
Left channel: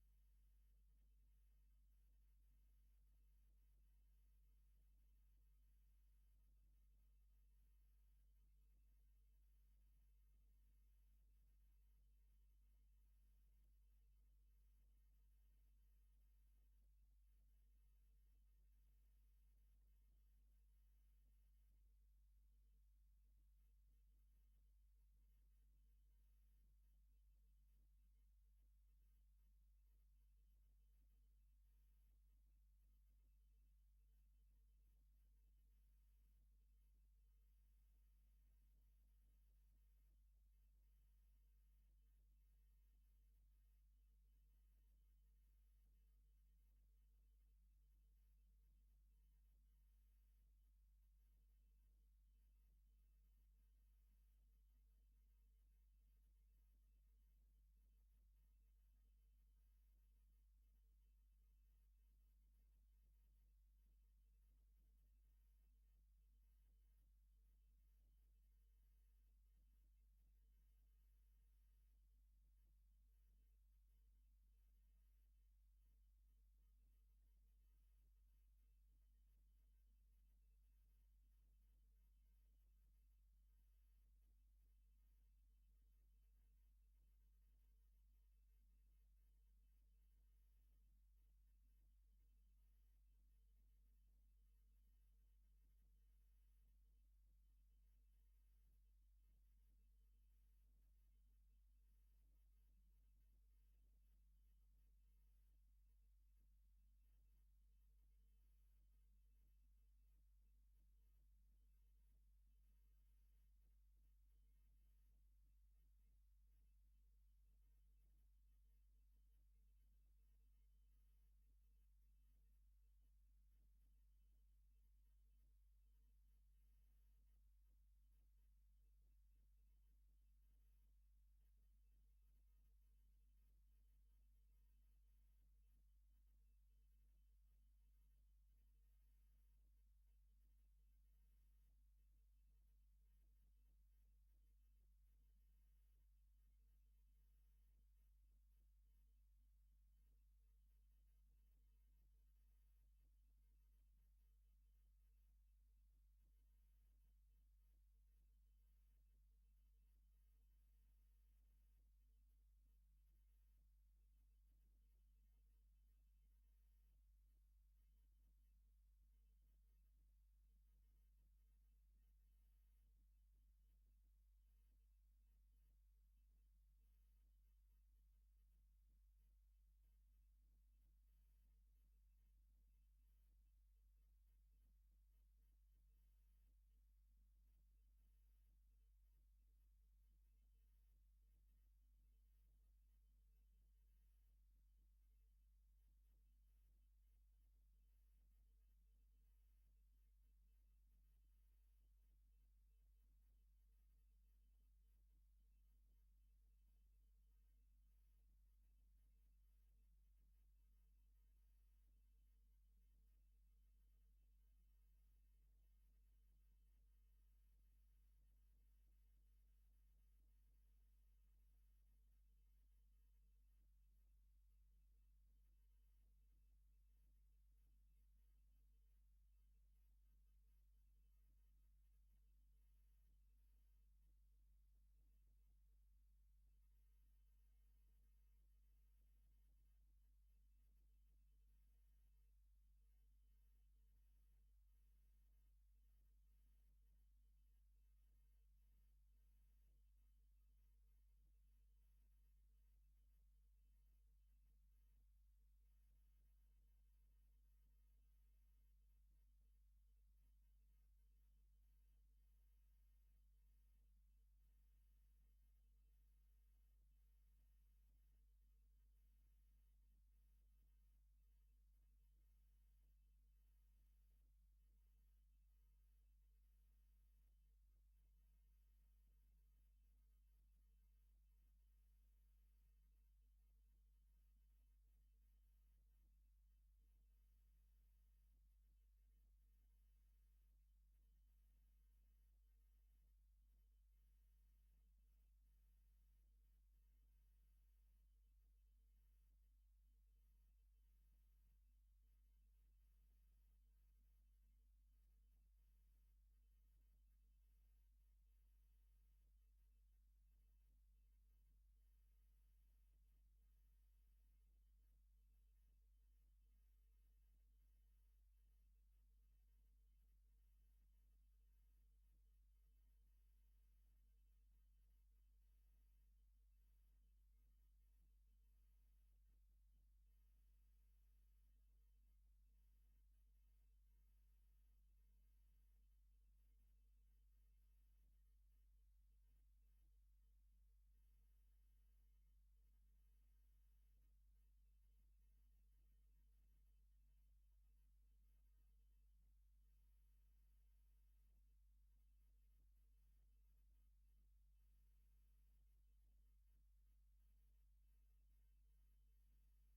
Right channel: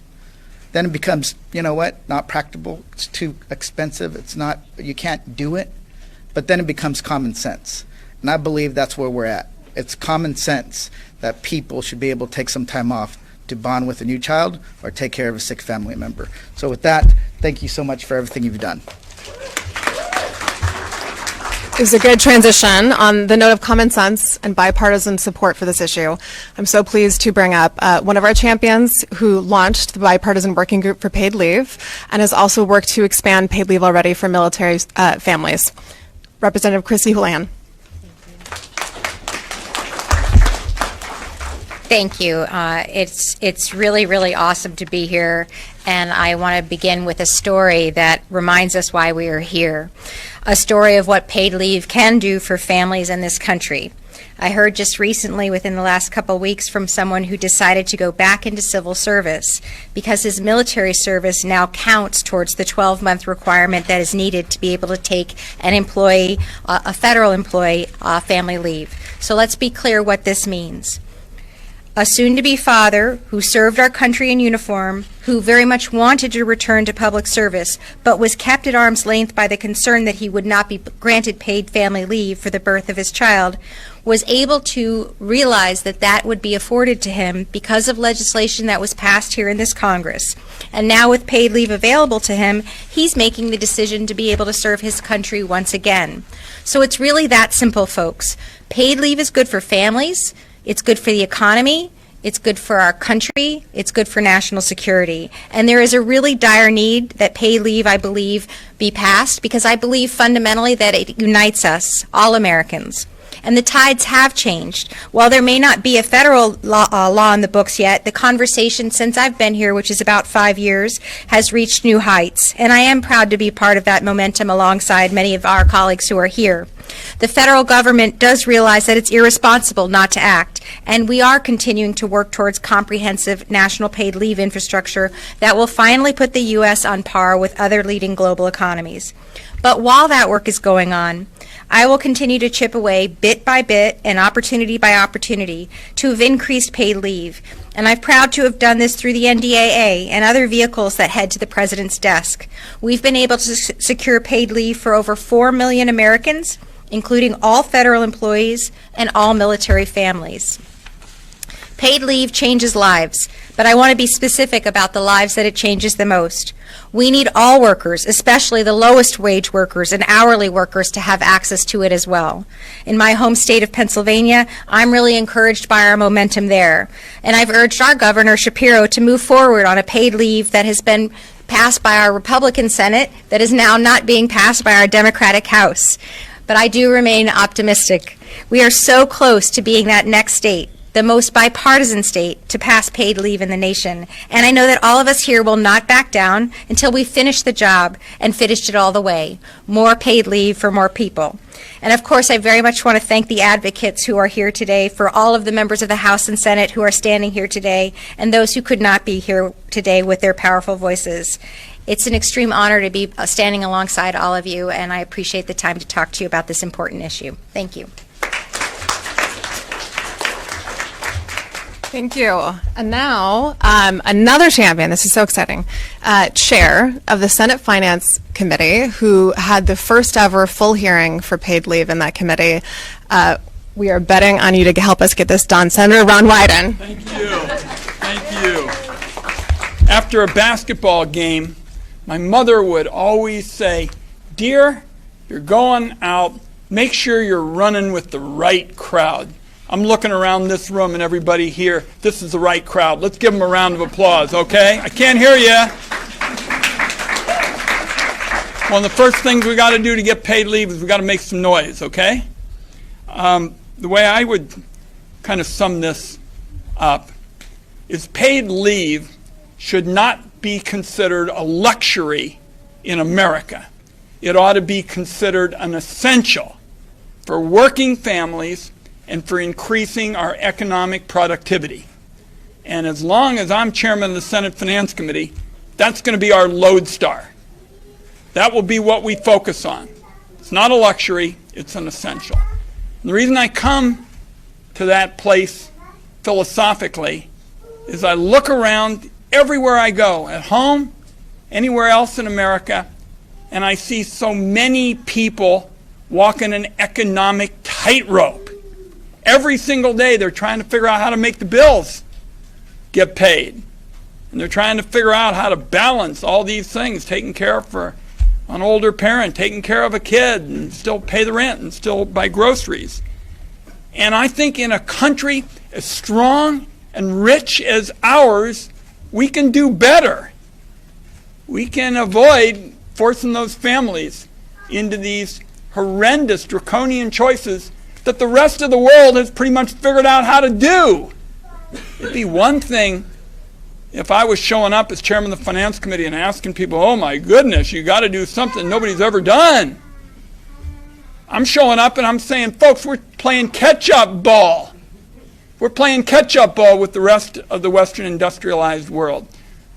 Then it becomes, not practical, it's too expensive, you can't do it. But then it becomes common sense. And I believe that's where we're at. It's common sense that people should be able to take some time off to bond with a new child or take care of a sick family member. So with that, thank you so much for everything you've done. It was a good transition. On the note of common sense and bipartisan support for this issue, I'm so pleased to bring up one of our champions who launched the bipartisan working group for paid leave and has also worked to expand paid leave already for military families. Representative Chrissy Houlihan. Thank you. It's really, really awesome to be here, and I want to begin with a story that reminds us why we are here. A story of what paid leave can do for families in this country. I heard just recently, within the last couple of weeks, from someone who decided to go back into civil service because his military service now counts towards the 12-month requirement that is needed to be able to take an employee, a federal employee, family leave. So let's be clear what this means. a soon-to-be father who served our country in uniform, who very much wanted to return to public service, but was kept at arm's length by the concern that he would not be granted paid family leave for the birth of his child, was able to realize that that would be afforded to him because of legislation that was passed here in this Congress. And now with paid leave available to him, he's making the decision to be able to serve his country once again. So it's really that simple, folks. Paid leave is good for families. It's good for the economy, it's good for our country, it's good for national security. And there is a really dire need that paid leave, I believe, be passed, because I believe fundamentally that it unites us, all Americans. And the tides have changed. While there may not be a federal law in the books yet, the conversation since I've been here, which is about 5 years, has reached new heights. And I am proud to be part of that momentum alongside many of our colleagues who are here. The federal government does realize that it's irresponsible not to act, and we are continuing to work towards comprehensive national paid leave infrastructure that will finally put the U.S. on par with other leading global economies. But while that work is going on, I will continue to chip away bit by bit and opportunity by opportunity to have increased paid leave. And I'm proud to have done this through the NDAA and other vehicles that head to the President's desk. We've been able to secure paid leave for over 4 million Americans, including all federal employees and all military families. Paid leave changes lives, but I want to be specific about the lives that it changes the most. We need all workers, especially the lowest wage workers and hourly workers, to have access to it as well. In my home state of Pennsylvania, I'm really encouraged by our momentum there. And I've urged our Governor Shapiro to move forward on a paid leave that has been passed by our Republican Senate that is now not being passed by our Democratic House. But I do remain optimistic. We are so close to being that next state, the most bipartisan state to pass paid leave in the nation. And I know that all of us here will not back down until we finish the job and finished it all the way. More paid leave for more people. And of course, I very much want to thank the advocates who are here today, for all of the members of the House and Senate who are standing here today, and those who could not be here today with their powerful voices. It's an extreme honor to be standing alongside all of you, and I appreciate the time to talk to you about this important issue. Thank you. Thank you. And now, another champion, this is so exciting, chair of the Senate Finance Committee, who had the first ever full hearing for paid leave in that committee. We are betting on you to help us get this done. Senator Ron Wyden. Thank you. Thank you. After a basketball game, my mother would always say, "Dear, you're going out, make sure you're running with the right crowd." I'm looking around this room and everybody here. This is the right crowd. Let's give them a round of applause, okay? I can't hear you. One of the first things we got to do to get paid leave is we got to make some noise, okay? The way I would kind of sum this up is paid leave should not be considered a luxury in America. It ought to be considered an essential for working families and for increasing our economic productivity. And as long as I'm chairman of the Senate Finance Committee, that's going to be our lodestar. That will be what we focus on. It's not a luxury, it's an essential. And the reason I come to that place philosophically is I look around everywhere I go, at home, anywhere else in America, and I see so many people walking an economic tightrope. Every single day they're trying to figure out how to make the bills get paid. And they're trying to figure out how to balance all these things, taking care for an older parent, taking care of a kid, and still pay the rent and still buy groceries. And I think in a country as strong and rich as ours, we can do better. We can avoid forcing those families into these horrendous draconian choices that the rest of the world has pretty much figured out how to do. It'd be one thing if I was showing up as chairman of the Finance Committee and asking people, oh my goodness, you got to do something nobody's ever done. I'm showing up and I'm saying, folks, we're playing catch-up ball. We're playing catch-up ball with the rest of the Western industrialized world.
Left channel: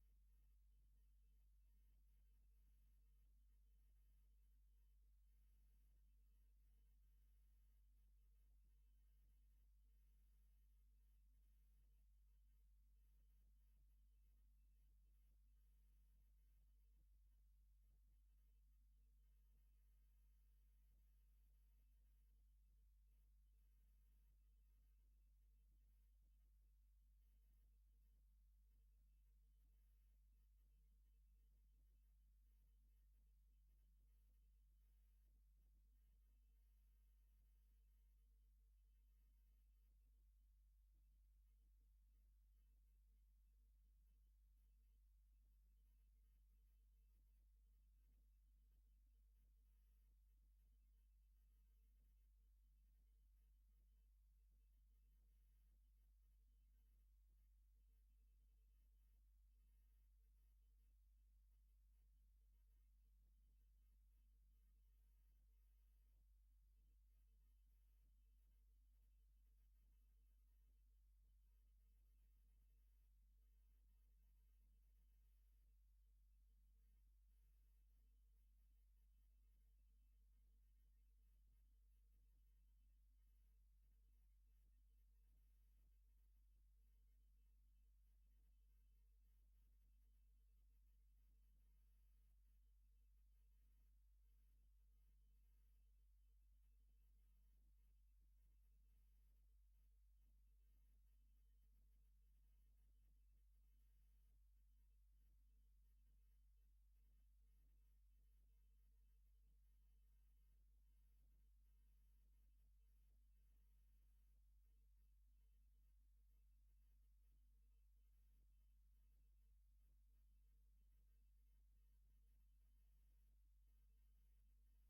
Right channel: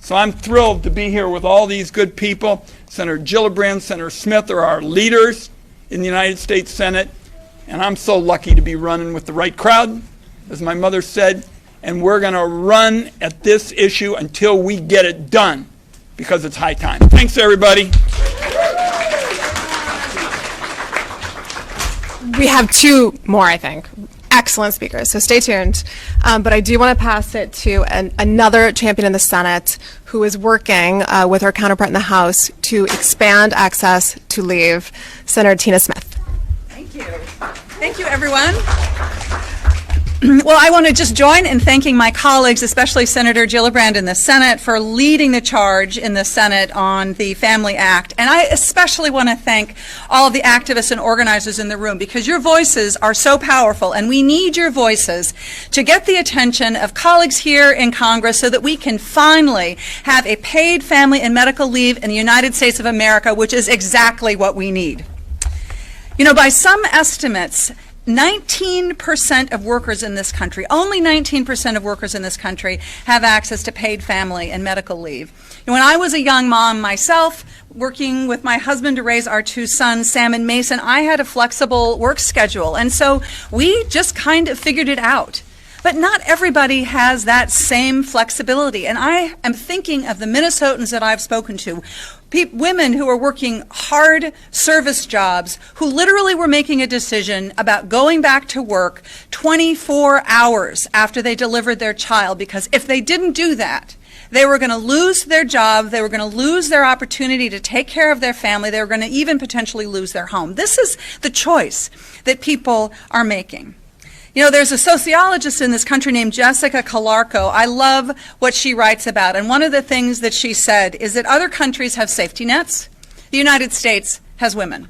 So I'm thrilled to be here with all these good people. Senator Gillibrand, Senator Smith are our leaders in the United States Senate. And I'm so lucky to be running with the right crowd, as my mother said. and we're going to run at this issue until we get it done, because it's high time. Thanks, everybody. We have two more, I think. Excellent speakers, so stay tuned. But I do want to pass it to another champion in the Senate who is working with her counterpart in the House to expand access to leave, Senator Tina Smith. Thank you. Thank you, everyone. Well, I want to just join in thanking my colleagues, especially Senator Gillibrand in the Senate, for leading the charge in the Senate on the Family Act. And I especially want to thank all of the activists and organizers in the room, because your voices are so powerful, and we need your voices to get the attention of colleagues here in Congress so that we can finally have a paid family and medical leave in the United States of America, which is exactly what we need. You know, by some estimates, 19% of workers in this country, only 19% of workers in this country have access to paid family and medical leave. And when I was a young mom myself, working with my husband to raise our two sons, Sam and Mason, I had a flexible work schedule. And so we just kind of figured it out. But not everybody has that same flexibility. And I am thinking of the Minnesotans that I've spoken to, women who are working hard service jobs, who literally were making a decision about going back to work 24 hours after they delivered their child, because if they didn't do that, they were going to lose their job, they were going to lose their opportunity to take care of their family, they were going to even potentially lose their home. This is the choice that people are making. You know, there's a sociologist in this country named Jessica Calarco. I love what she writes about. And one of the things that she said is that other countries have safety nets. The United States has women.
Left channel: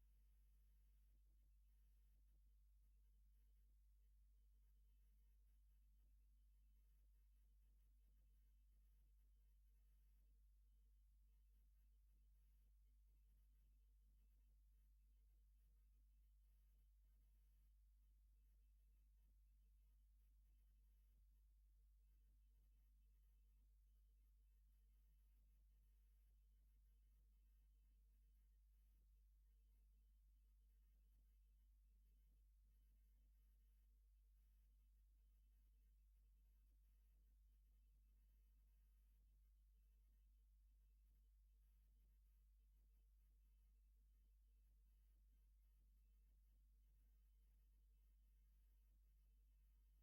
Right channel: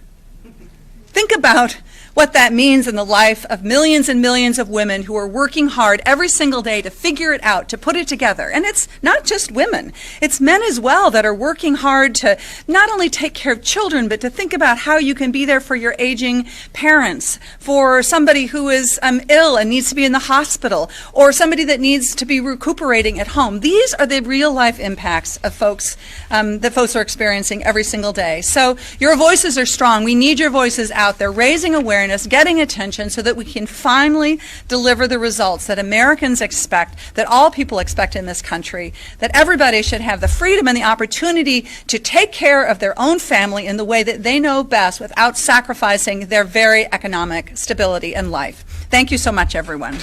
Think about what that means in the life of millions and millions of women who are working hard every single day to figure it out, to put it together. And it's not just women, it's men as well that are working hard to not only take care of children, but to think about how you can be there for your aging parents, for somebody who is ill and needs to be in the hospital, or somebody that needs to be recuperating at home. These are the real life impacts of folks that folks are experiencing every single day. So your voices are strong. We need your voices out there, raising awareness, getting attention, so that we can finally deliver the results that Americans expect, that all people expect in this country, that everybody should have the freedom and the opportunity to take care of their own family in the way that they know best without sacrificing their very economic stability in life. Thank you so much, everyone.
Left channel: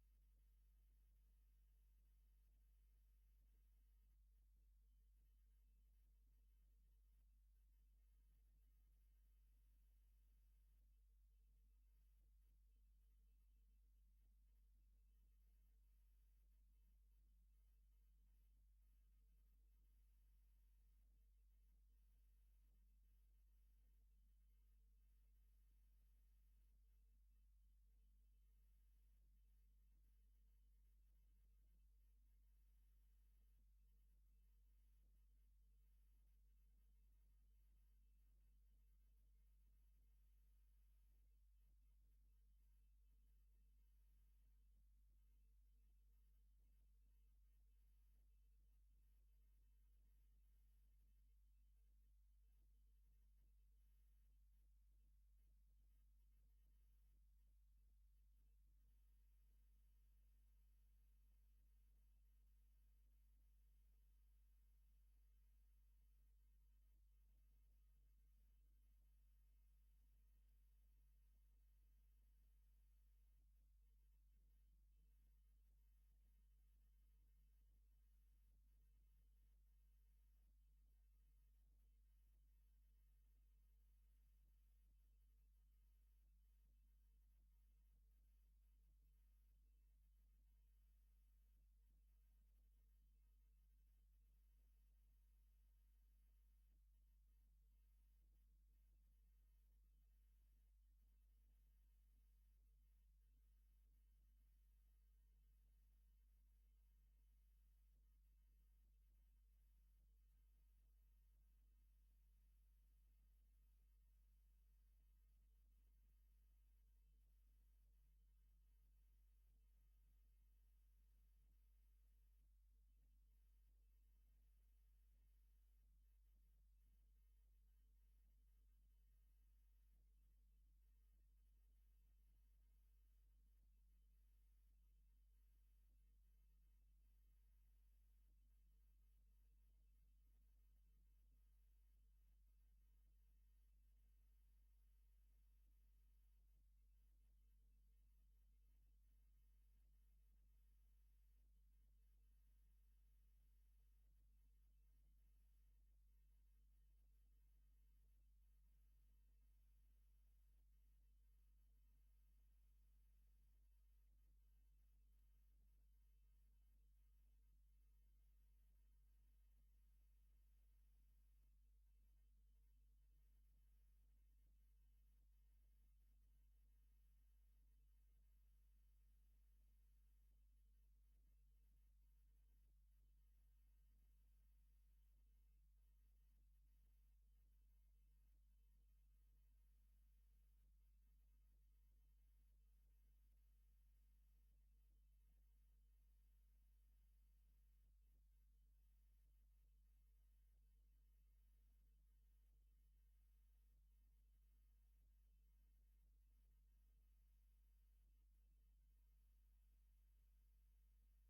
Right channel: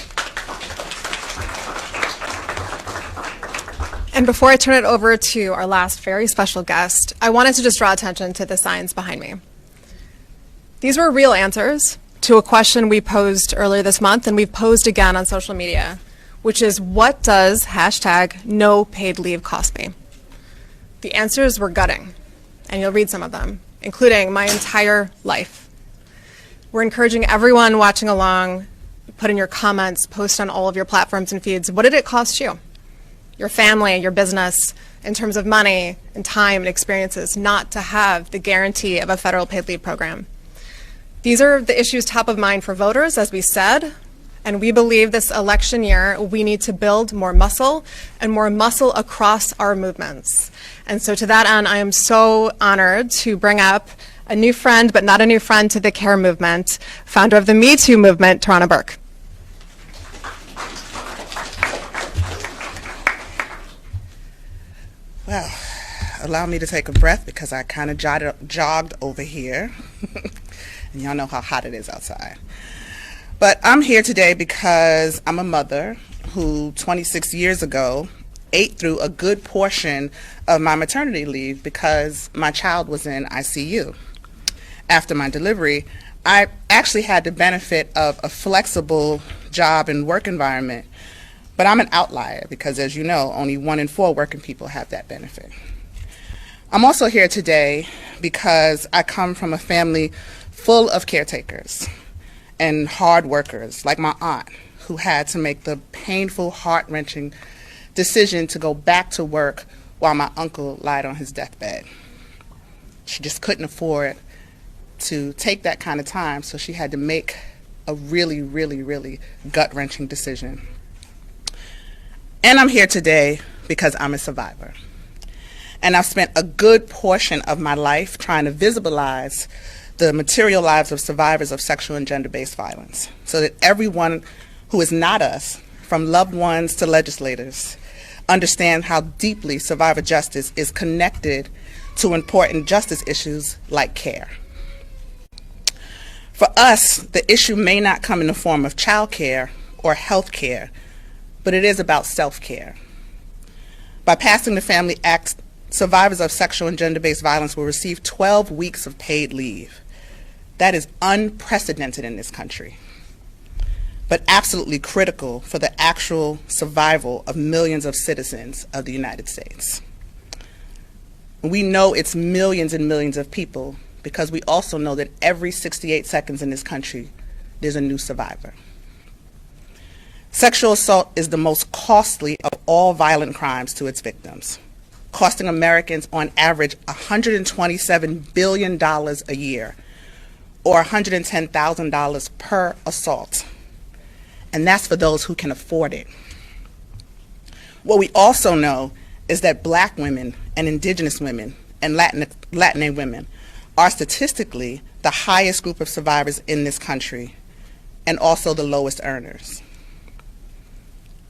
And before I turn it over to our last very special guest, I wanted to just draw attention to the science behind me. These were real answers to a question we posed earlier this month, and we've posed again on social media, which is, what does #no paid leave cost me? The answers were gutting, and you'll read some of them, including my entire life. We're encouraging everyone watching along, put in your comments, post on all of your platforms and feeds. What did it cost you, your family, your business, in terms of money and time and experiences, not to have the guarantee of a federal paid leave program? These are the issues top of mind for voters, as we said, and we believe this election year we need to build more muscle, and more muscle across our movements. And so to that end, I am so honored to bring up a new friend, but not a new friend to the CARE movement, founder of the Me Too movement, Tarana Burke. Well, allow me to take a breath, because I kind of jogged over here. And y'all know how hot it is outside. But I'm here today because I'm a mother who 26 years ago ate through a good portion of my maternity leave because my child was in ICU. After my delivery, I actually had the benefit of a flexible job and work environment. But I'm an outlier because, as you know, only 1 in 4 working people have that benefit. I'm also here today because I come from a family full of caretakers and hard workers, like my aunt, who had to make the painful, heart-wrenching decision to go back to work while my uncle lied on his deathbed. She just couldn't afford to take that kind of time, so she had to make a really, really, really gut-wrenching decision. And I'm here today because I'm a survivor. And I've spent a good portion of my life trying to visibilize the material lives of survivors of sexual and gender-based violence, so that everyone who is not us from loved ones to legislators, understand how deeply survivor justice is connected to important justice issues like care. For us, the issue may not come in the form of child care or health care, but it is about self-care. By passing the Family Act, survivors of sexual and gender-based violence will receive 12 weeks of paid leave. That is unprecedented in this country, but absolutely critical for the actual survival of millions of citizens of the United States. We know it's millions and millions of people because we also know that every 68 seconds in this country, there's a new survivor. Sexual assault is the most costly of all violent crimes to its victims, costing Americans on average $127 billion a year, or $110,000 per assault. And that's for those who can afford it. What we also know is that Black women and Indigenous women and Latina women are statistically the highest group of survivors in this country and also the lowest earners.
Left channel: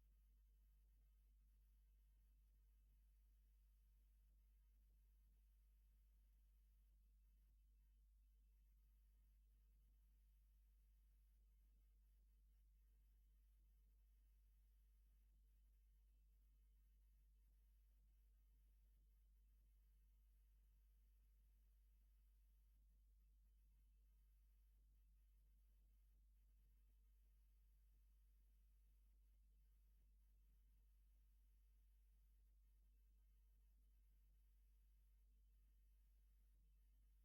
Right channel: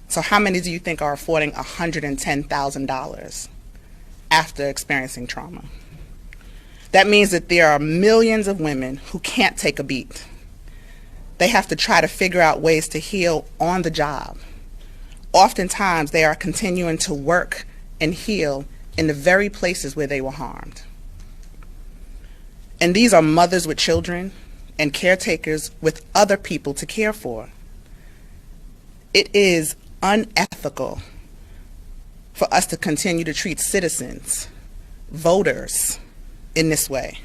So how many do you think are affording $110,000 after experiencing trauma? That means that there are millions of women who can't take a beat. They have to try to figure out ways to heal on the job. Oftentimes, they are continuing to work and heal in the very places where they were harmed. And these are mothers with children and caretakers with other people to care for. It is unethical for us to continue to treat citizens, voters, in this way,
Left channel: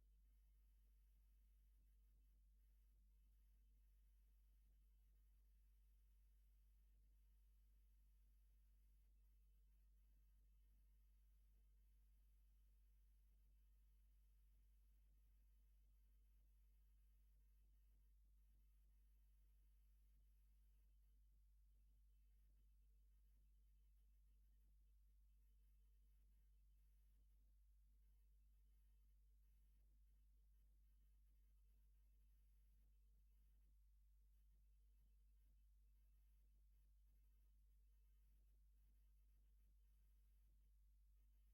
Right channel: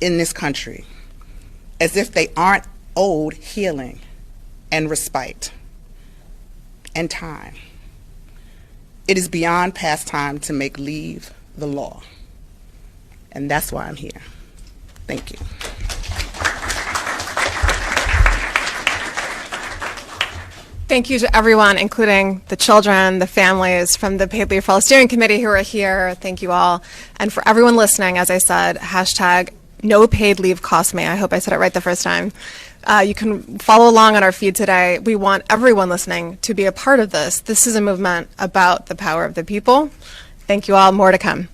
in this country, as if they aren't owed healing and respite and time. It is beyond past time to make leave the law. And that's why I'm here. Thank you. Thank you to everyone, including the children, the families from the Paid Leave for All Steering Committee who are here. Thank you all. And for everyone listening, as I said, hashtag no paid leave cost me. I hope I said it right the first time. You can follow along on our feed today. We want everyone listening to be a part of this. This is a movement about the power of the people. Thank you all. More to come.